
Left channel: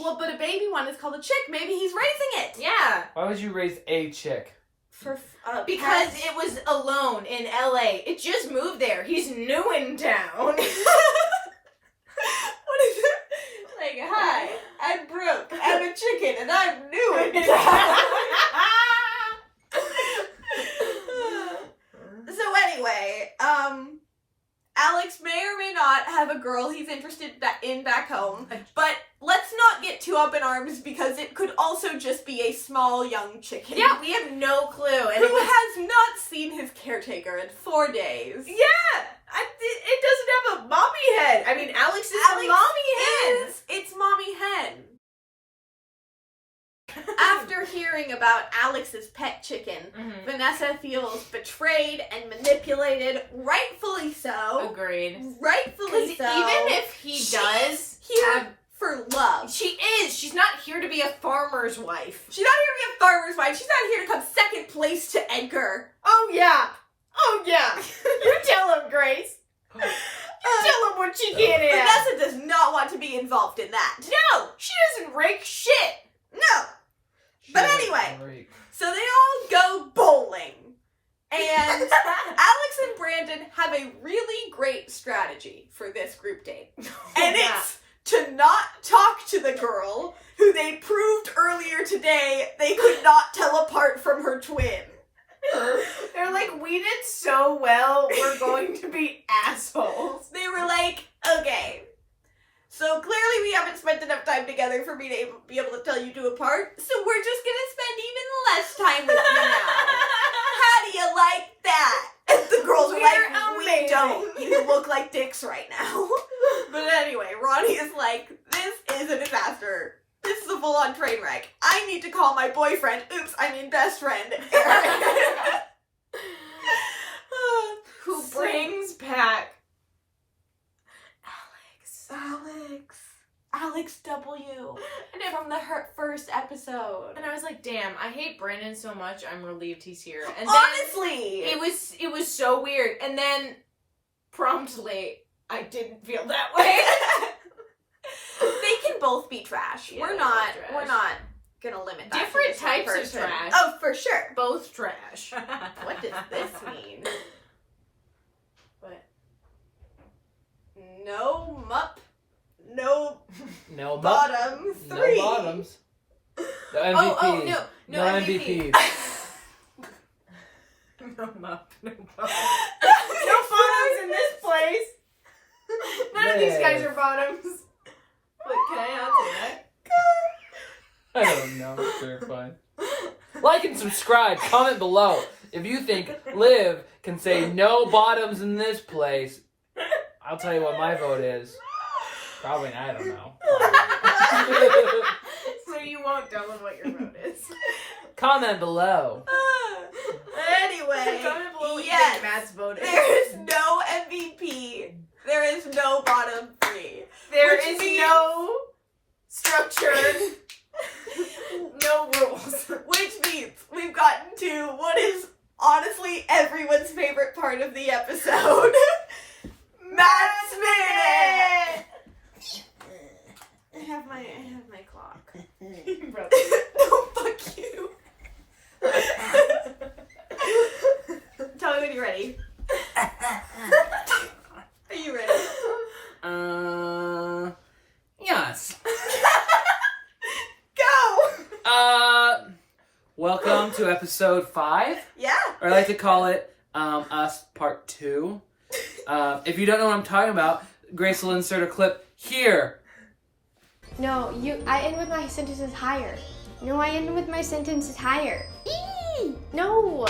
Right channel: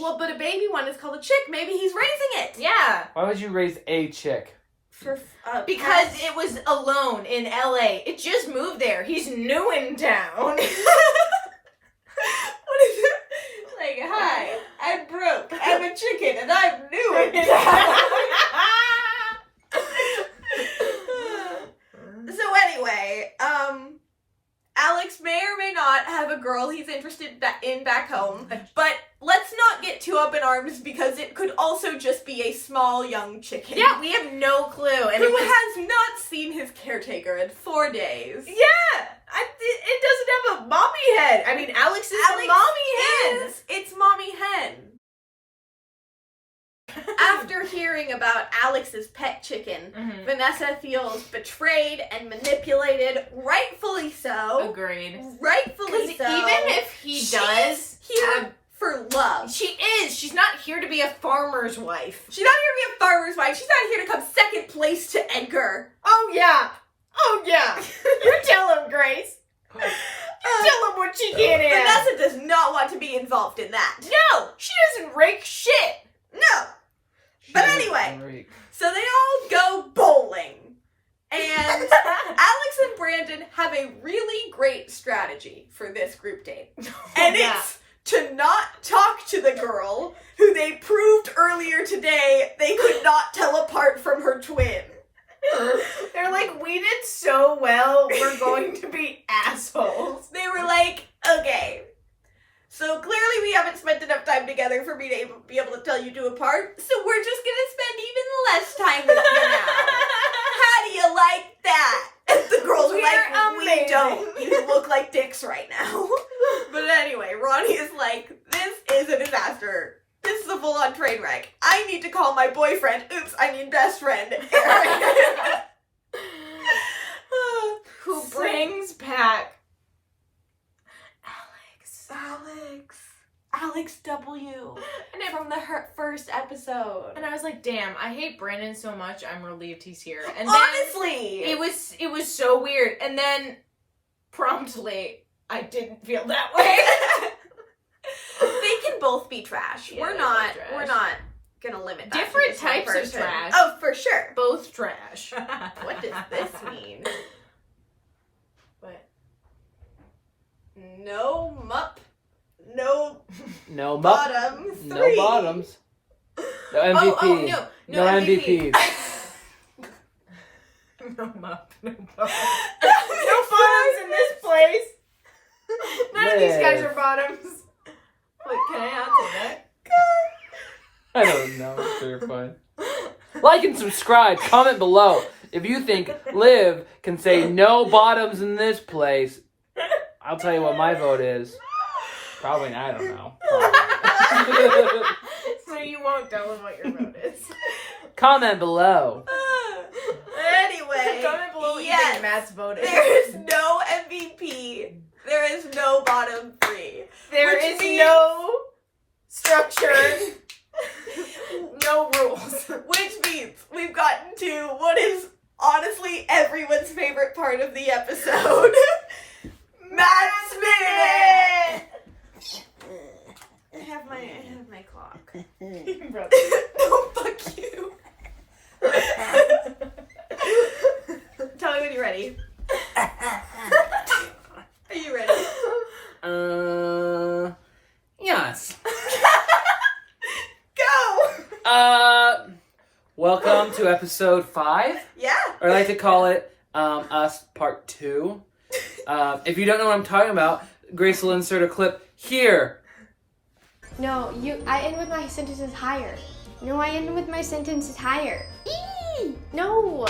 Well, but a baby one is called a chick. Maybe he's raising it. Yeah. why would you raise a chick? For Because pets. it was alone in LA. It just moved there. He's new in town. What is it? Like, hi, I'm broke. I'm a chicken, and I'm new in town. So anyway, Alex may or may not have a girl he's interested in back home, but let's not get too up in arms because it could also just be a small young chicken. Yeah, we have no clue. And Who it was, has not seen his caretaker in 4 days. yeah, it doesn't have a mommy head. I mean, Alex is a mommy head. It's Mommy Hen. After hearing about Alex's pet chicken, Mhm. Vanessa feels betrayed and manipulated, rightfully so. Agreed. Rightfully Because so. even if he does here have- for love. she is. She's not here to be a farmer's wife. She's not here to be a farmer's wife. She's not here to come second place to Edgar. Oh, yeah. Oh, yeah. You tell him, Grace. You tell him what she can't have. Vanessa does not want to be involved in that. No, she doesn't rake shit. No. But anyway, so they all go bowling. And Alex and Brandon have a really great strategy for this group date. And Yeah. it's to not talk to the girl who they proved earlier today they could not tell apart from her twin. They're like, we did so well, we're going to be assholes. They were like, okay, so clearly we haven't spent enough time together for me to be able to tell you two apart, so we're just gonna spend even less time with you now. How do you like that? And the girls are like, we We're don't. amazing. You look like dicks right now. But anyway, Ronnie is like, this is a disaster. This is a full-on train wreck. I need to call my boyfriend. Oops, I mean best friend. Eric. Who brings back Alex W. And, From the first episode. and I was like, damn, I hate Brandon so much, I'm relieved he's here. And then Honestly! it was so weird. And then promptly, I didn't feel that way. They can both be trash. Yeah, we're they're not both trash. we're not gonna limit that. to Different just one types of person. trash. Oh, for sure. Both trash. What does this mean? What? No mup. No No bottom No three. bottoms. No MVP. Oh, no MVP. MVPs. No mup, no bottom. No bottoms in this place. None of these guys are bottoms. Wait, can I not say that? I don't know. Sure, fine. Like and subscribe. Comment below if you think Liv can say no bottoms in this place. I'll tell you what my vote is. Probably, I don't know. So you won't tell them what your vote is. Comment below. Anyway, Comment below what you yes, think Matt's vote is. there is no MVP. There is no bottom three. There which is means- no structure, no rules. Which means we've gotten to what is honestly everyone's favorite part of the episode. Matt's Minute! I have my clock. No, fuck you. Tell me when you're ready. Are you ready? Yes. Go! Welcome to episode 5. Yeah. Or I like to call it, Us Part 2. If you don't know what I'm talking about, Grace will insert a clip here. No, I end with my sentences higher. No, I end with my sentences higher. Eee! No!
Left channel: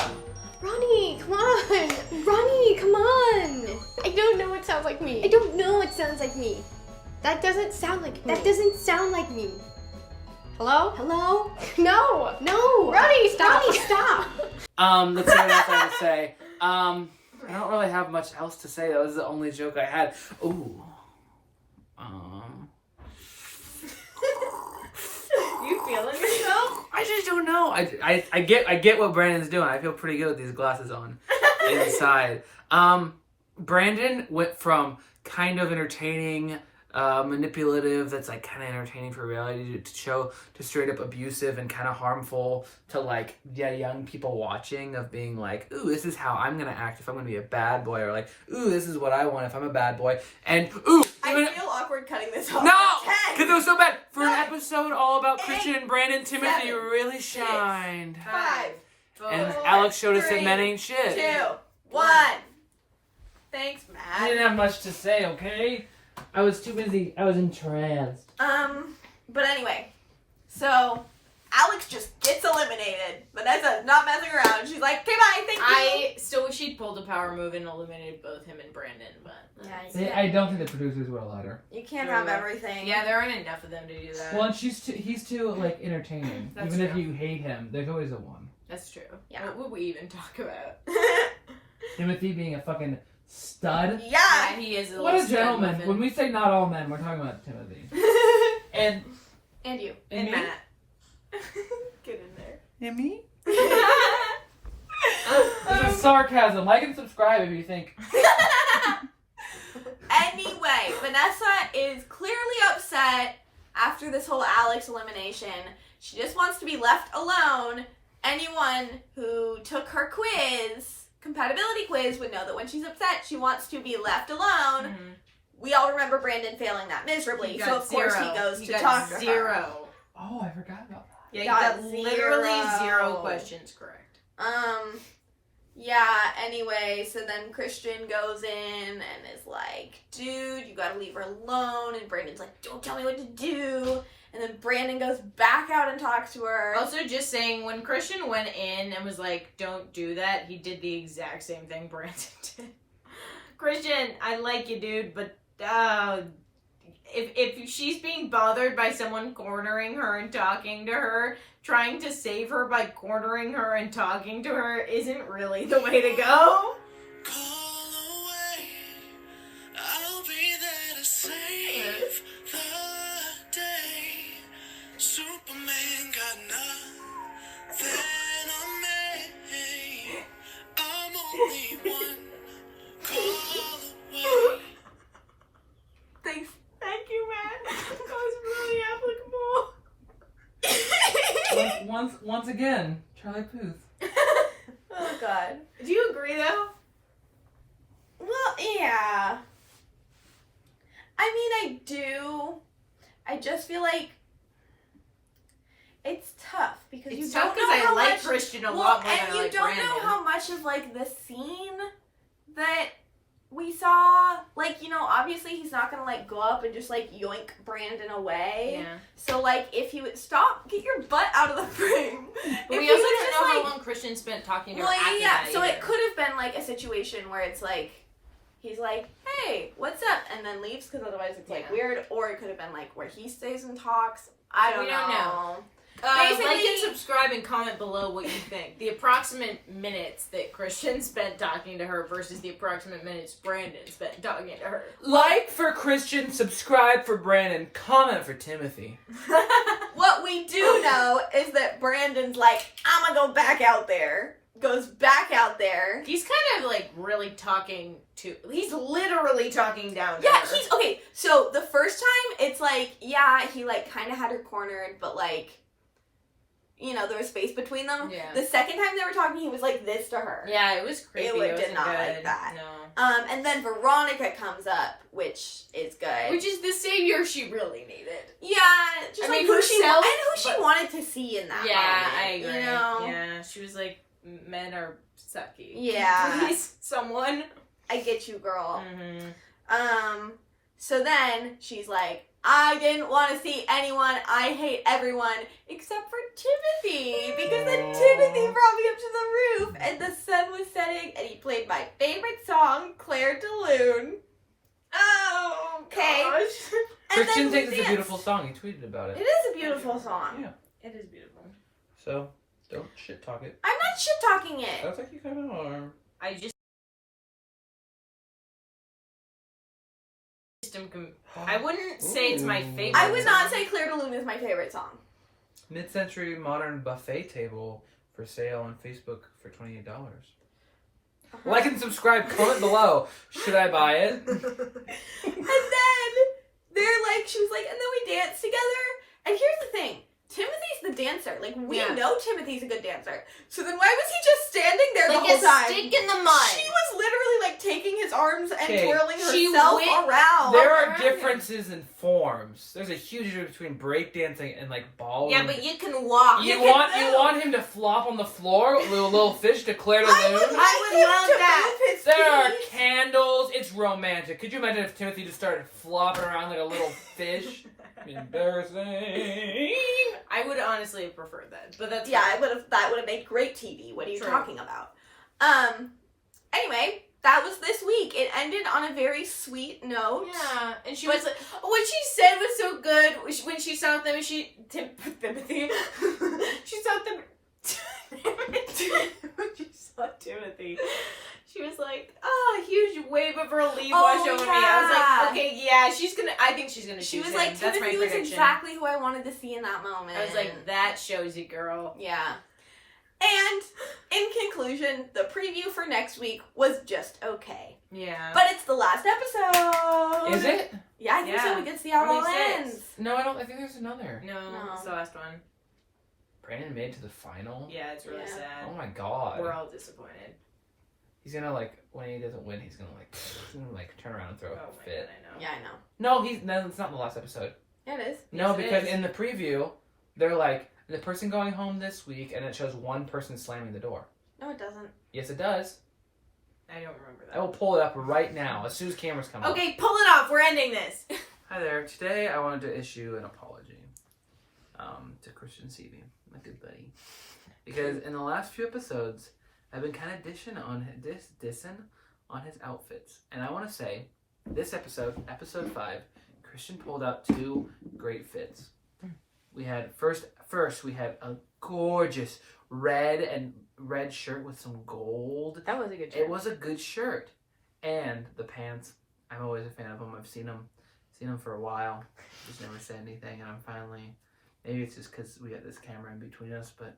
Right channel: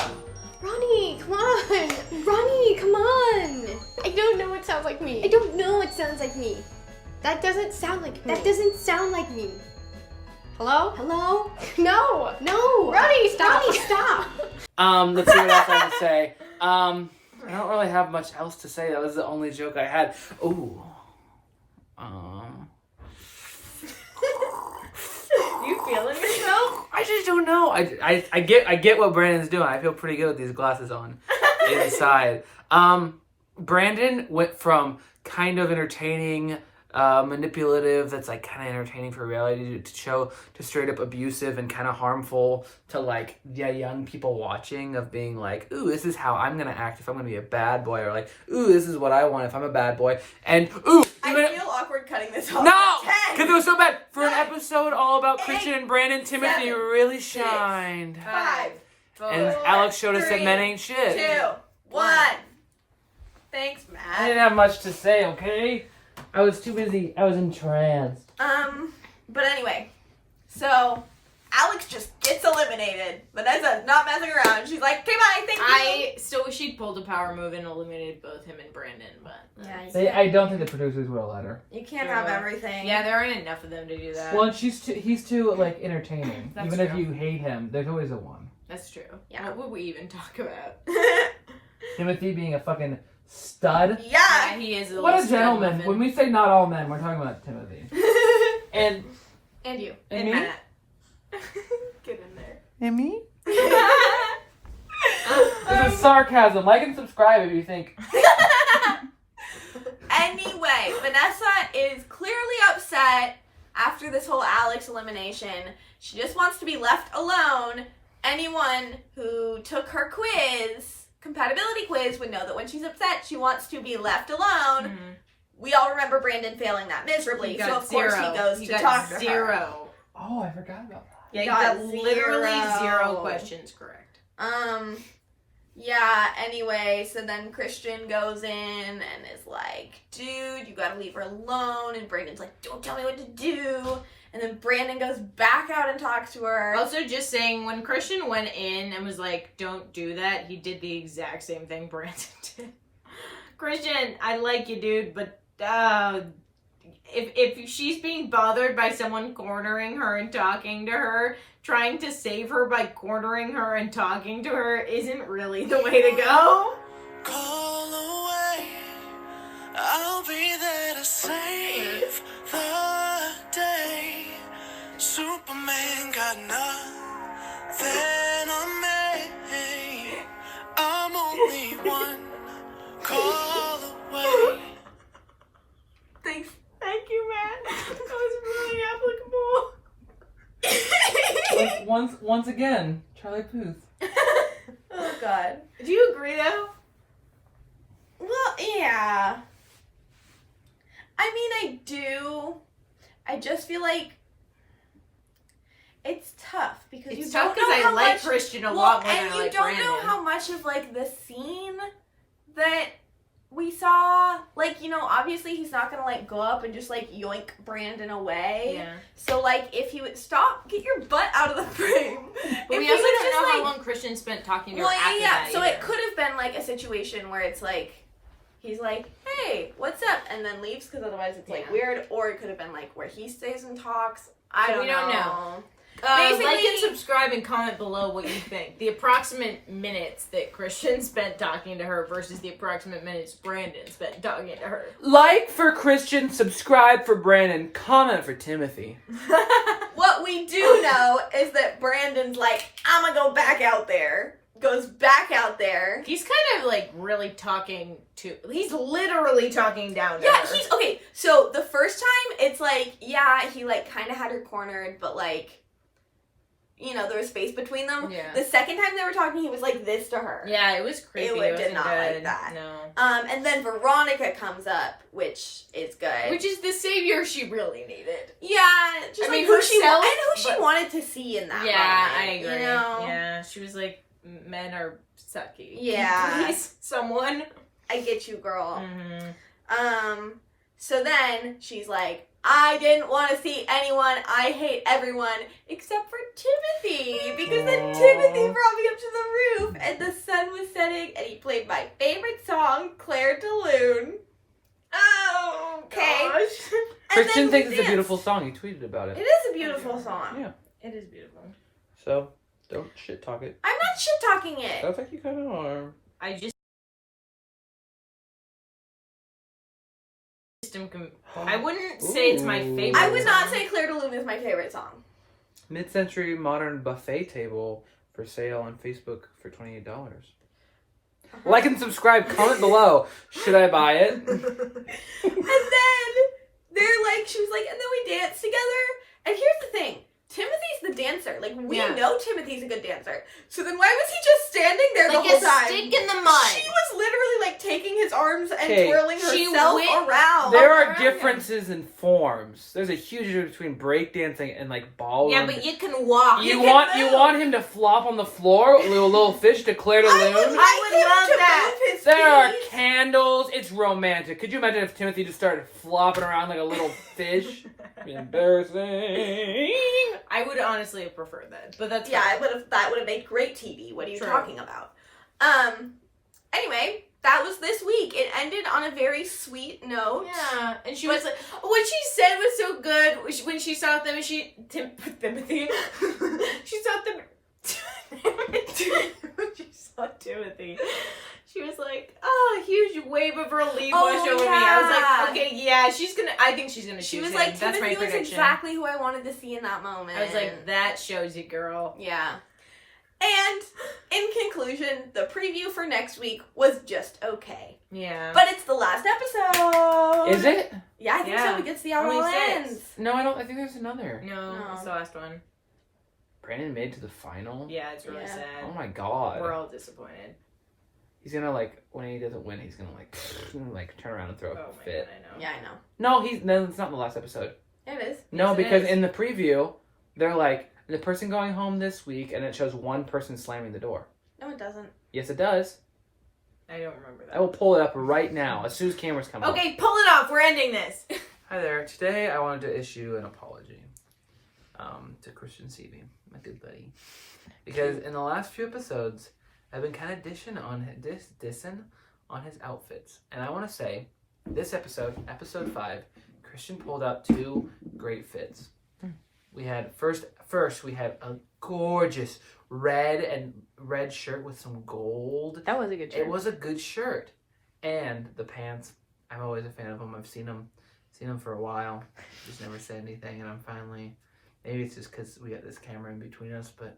Ronnie, come on! Ronnie, come on! I don't know what sounds like me. I don't know what sounds like me. That doesn't sound like me. That doesn't sound like me. Hello? Hello? No! No! Ronnie, stop! Ronnie, stop! Let's see what else I have to say. I don't really have much else to say. That was the only joke I had. Ooh. You feeling yourself? I just don't know. I get what Brandon's doing. I feel pretty good with these glasses on inside. Brandon went from kind of entertaining, manipulative, that's like kind of entertaining for reality to show, to straight up abusive and kind of harmful to like, yeah, young people watching, of being like, ooh, this is how I'm gonna act if I'm gonna be a bad boy, or like, ooh, this is what I want if I'm a bad boy, and ooh, I feel awkward cutting this off. no, 10. because it was so bad. For an 9, episode all about 8, Christian and Brandon, Timothy 7, really 6, shined. 5, And 4, Alex showed us that 3, men ain't shit. 2, 1. Thanks, I Matt. didn't have much to say, okay? I was too busy. I was entranced. But anyway, so Alex just gets eliminated. Vanessa's not messing around. She's like, okay, bye, thank you. I still wish she'd pulled a power move and eliminated both him and Brandon, but Yeah, I don't think the producers will let her. you can't have everything. yeah, there aren't enough of them to do that. Well, and he's too, like, entertaining. That's Even if true. you hate him, there's always a one. That's true. Yeah. What would we even talk about? Timothy being a fucking stud. Yeah. Yeah, he is a What a little stud gentleman. muffin. When we say not all men, we're talking about Timothy. And And you. And me? Matt. Get in there. And me? This is sarcasm. Like and subscribe if you think. Anyway, Vanessa is clearly upset after this whole Alex elimination. She just wants to be left alone. Anyone who took her compatibility quiz, would know that when she's upset, she wants to be left alone. Mm-hmm. We all remember Brandon failing that miserably, so of course he goes to got talk to her. zero. Oh, I forgot about that. Yeah, he Got got literally 0 0. questions correct. Yeah, anyway, so then Christian goes in and is like, dude, you gotta leave her alone. And Brandon's like, don't tell me what to do. And then Brandon goes back out and talks to her. Also, just saying, when Christian went in and was like, don't do that, he did the exact same thing Brandon did. Christian, I like you, dude, but if she's being bothered by someone cornering her and talking to her, trying to save her by cornering her and talking to her isn't really the way to go. Call away, I'll be there to save the day. Superman got nothing on me. I'm only one call away. Thank you, Matt. That was really applicable. Once again, Charlie Puth. Oh, God. Do you agree, though? Well, yeah. I mean, I do. I just feel like it's tough because you It's don't tough because know I how like much. Christian a Well, lot more and than I you like don't Brandon. know how much of like the scene that we saw, like, you know, obviously he's not gonna, like, go up and just, like, yoink Brandon away. Yeah. So, like, if he would stop, get your butt out of the frame. But If we he also was don't just, know how like- long Christian spent talking to her Well, after yeah. that So either. it could have been, like, a situation where it's, like, he's like, hey, what's up? And then leaves, because otherwise it's, like, Yeah. weird. Or it could have been, like, where he stays and talks. I We don't know. Basically- Like and subscribe and comment below what you think. The approximate minutes that Christian spent talking to her versus the approximate minutes Brandon spent talking to her. Like for Christian, subscribe for Brandon, comment for Timothy. What we do know is that Brandon's like, I'm gonna go back out there. Goes back out there. He's kind of like really talking to. He's literally talking down to Yeah, her. he's okay. So the first time, it's like, yeah, he like kind of had her cornered, but like, you know, there was space between them. Yeah. The second time they were talking, he was like this to her. Yeah, it was creepy. It wasn't did not good. like that. No. And then Veronica comes up, which is good. Which is the savior she really needed. yeah, just I like mean, who she herself, and who she but- wanted to see in that Yeah, moment. I agree. You know. Yeah, she was like, men are sucky. Yeah. Please, someone. I get you, girl. Mm-hmm. So then she's like, I didn't want to see anyone. I hate everyone except for Timothy. Because then Timothy brought me up to the roof and the sun was setting and he played my favorite song, Claire de Lune. Oh, Okay. gosh. And Christian then thinks we it's a danced. beautiful song. He tweeted about It it. is a beautiful song. Yeah. It is beautiful. So, don't shit talk it. I'm not shit talking it. Sounds like you kind of are. I just I wouldn't say it's my Ooh. favorite. I would not song. say Claire de Lune is my favorite song. Mid-century modern buffet table for sale on Facebook for $28. Like and subscribe. Comment below. Should I buy it? And then they're like, she was like, and then we danced together. And here's the thing. Timothy's the dancer. Like, we Yeah. know Timothy's a good dancer. So then why was he just standing there like the whole a time? stick in the mud. She was literally like taking his arms and Okay, twirling she herself went- around. There are around him. differences in forms. There's a huge difference between breakdancing and like ballroom. Yeah, but you can walk. You You can want move. him to flop on the floor with a little fish to Claire de I would Lune? like I would him love to that. move his There are feet. candles. It's romantic. Could you imagine if Timothy just started flopping around like a little fish? Embarrassing. I would honestly have preferred that, but that's Yeah, fine. that would have made great TV. What are you True. talking about? Anyway, that was this week. It ended on a very sweet note. Yeah, and she But- was like, what she said was so good when she saw them. Timothy. She saw them. When she saw Timothy, she was like, "Oh, a huge wave of relief Oh, washed over me." I was yeah. like, "Okay, yeah, she's gonna. I think she's gonna." She choose was him. like, That's my Timothy was prediction. exactly who I wanted to see in that moment. I was like, "That shows you, girl." yeah. And in conclusion, the preview for next week was just okay. Yeah, But it's the last episode. Is it? Yeah, I think Yeah. so. We get to see how it all Only 6. ends. No, I don't. I think there's another. no, No. it's the last one. Brandon made to the final. Yeah, it's really Yeah. sad. Oh my god. We're all disappointed. He's gonna like when he doesn't win. He's gonna like turn around and throw Oh a my fit. god, I know. Yeah, I know. No, it's not in the last episode. Yeah, it is. No, Yes, it because is. in the preview, they're like the person going home this week, and it shows one person slamming the door. No, it doesn't. Yes, it does. I don't remember that. I will pull it up right now as soon as cameras come up. Okay, pull it off. We're ending this. Hi there. Today I wanted to issue an apology to Christian Seavey, my good buddy, because in the last few episodes I've been kind of dissing on his outfits, and I want to say this episode 5, Christian pulled out 2 great fits. We had first we had a gorgeous red shirt with some gold. That was a good It was a good shirt, and the pants. I'm always a fan of them. I've seen them for a while. Just never said anything, and I'm finally. Maybe it's just because we got this camera in between us, but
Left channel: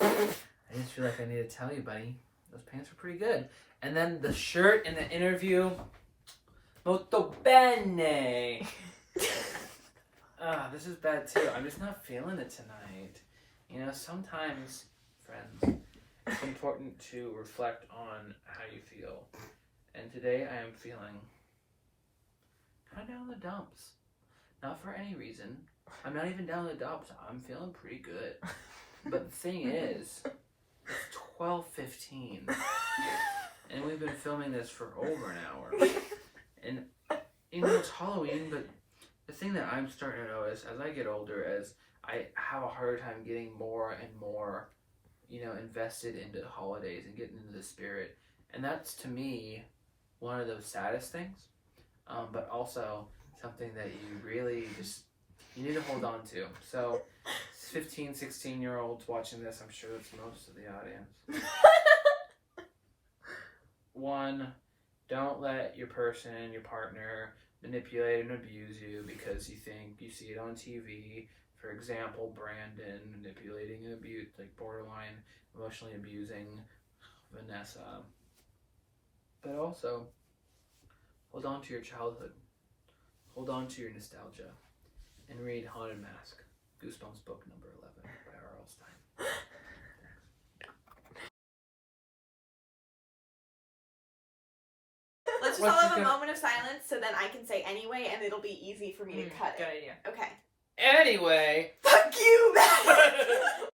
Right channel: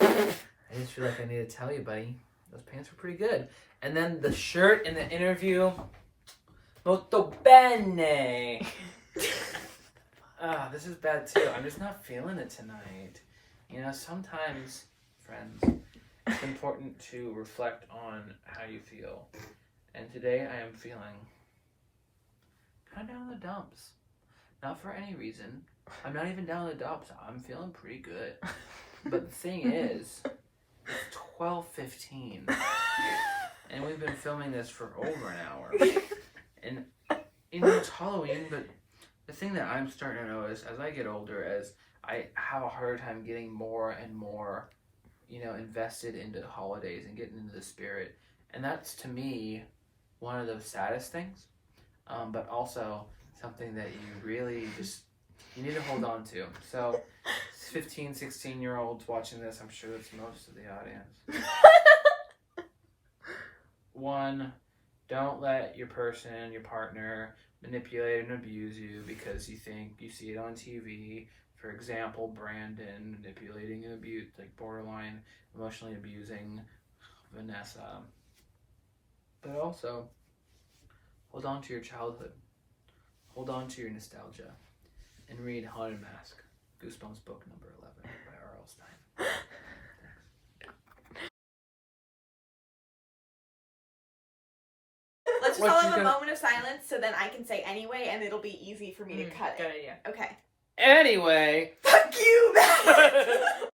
I just feel like I need to tell you, buddy. Those pants were pretty good. And then the shirt in the interview, molto bene. This is bad too. I'm just not feeling it tonight. You know, sometimes, friends, it's important to reflect on how you feel. And today I am feeling kind of down in the dumps. Not for any reason. I'm not even down in the dumps. I'm feeling pretty good. But the thing is, it's 12:15. And we've been filming this for over an hour. And, you know, it's Halloween, but the thing that I'm starting to notice as I get older, as I have a harder time getting more and more, you know, invested into the holidays and getting into the spirit. And that's, to me, one of the saddest things, but also something that you really just, you need to hold on to. So 15, 16-year-olds watching this, I'm sure that's most of the audience. 1, don't let your person, your partner, manipulate and abuse you because you think you see it on TV. For example, Brandon manipulating and abuse, like borderline emotionally abusing Vanessa. But also, hold on to your childhood. Hold on to your nostalgia. And read Haunted Mask, Goosebumps book number 11 by R.L. Stein. Let's just What all you have a gonna- moment of silence so then I can say anyway and it'll be easy for me to cut Good it. idea. Okay. Anyway. Fuck you, Matt!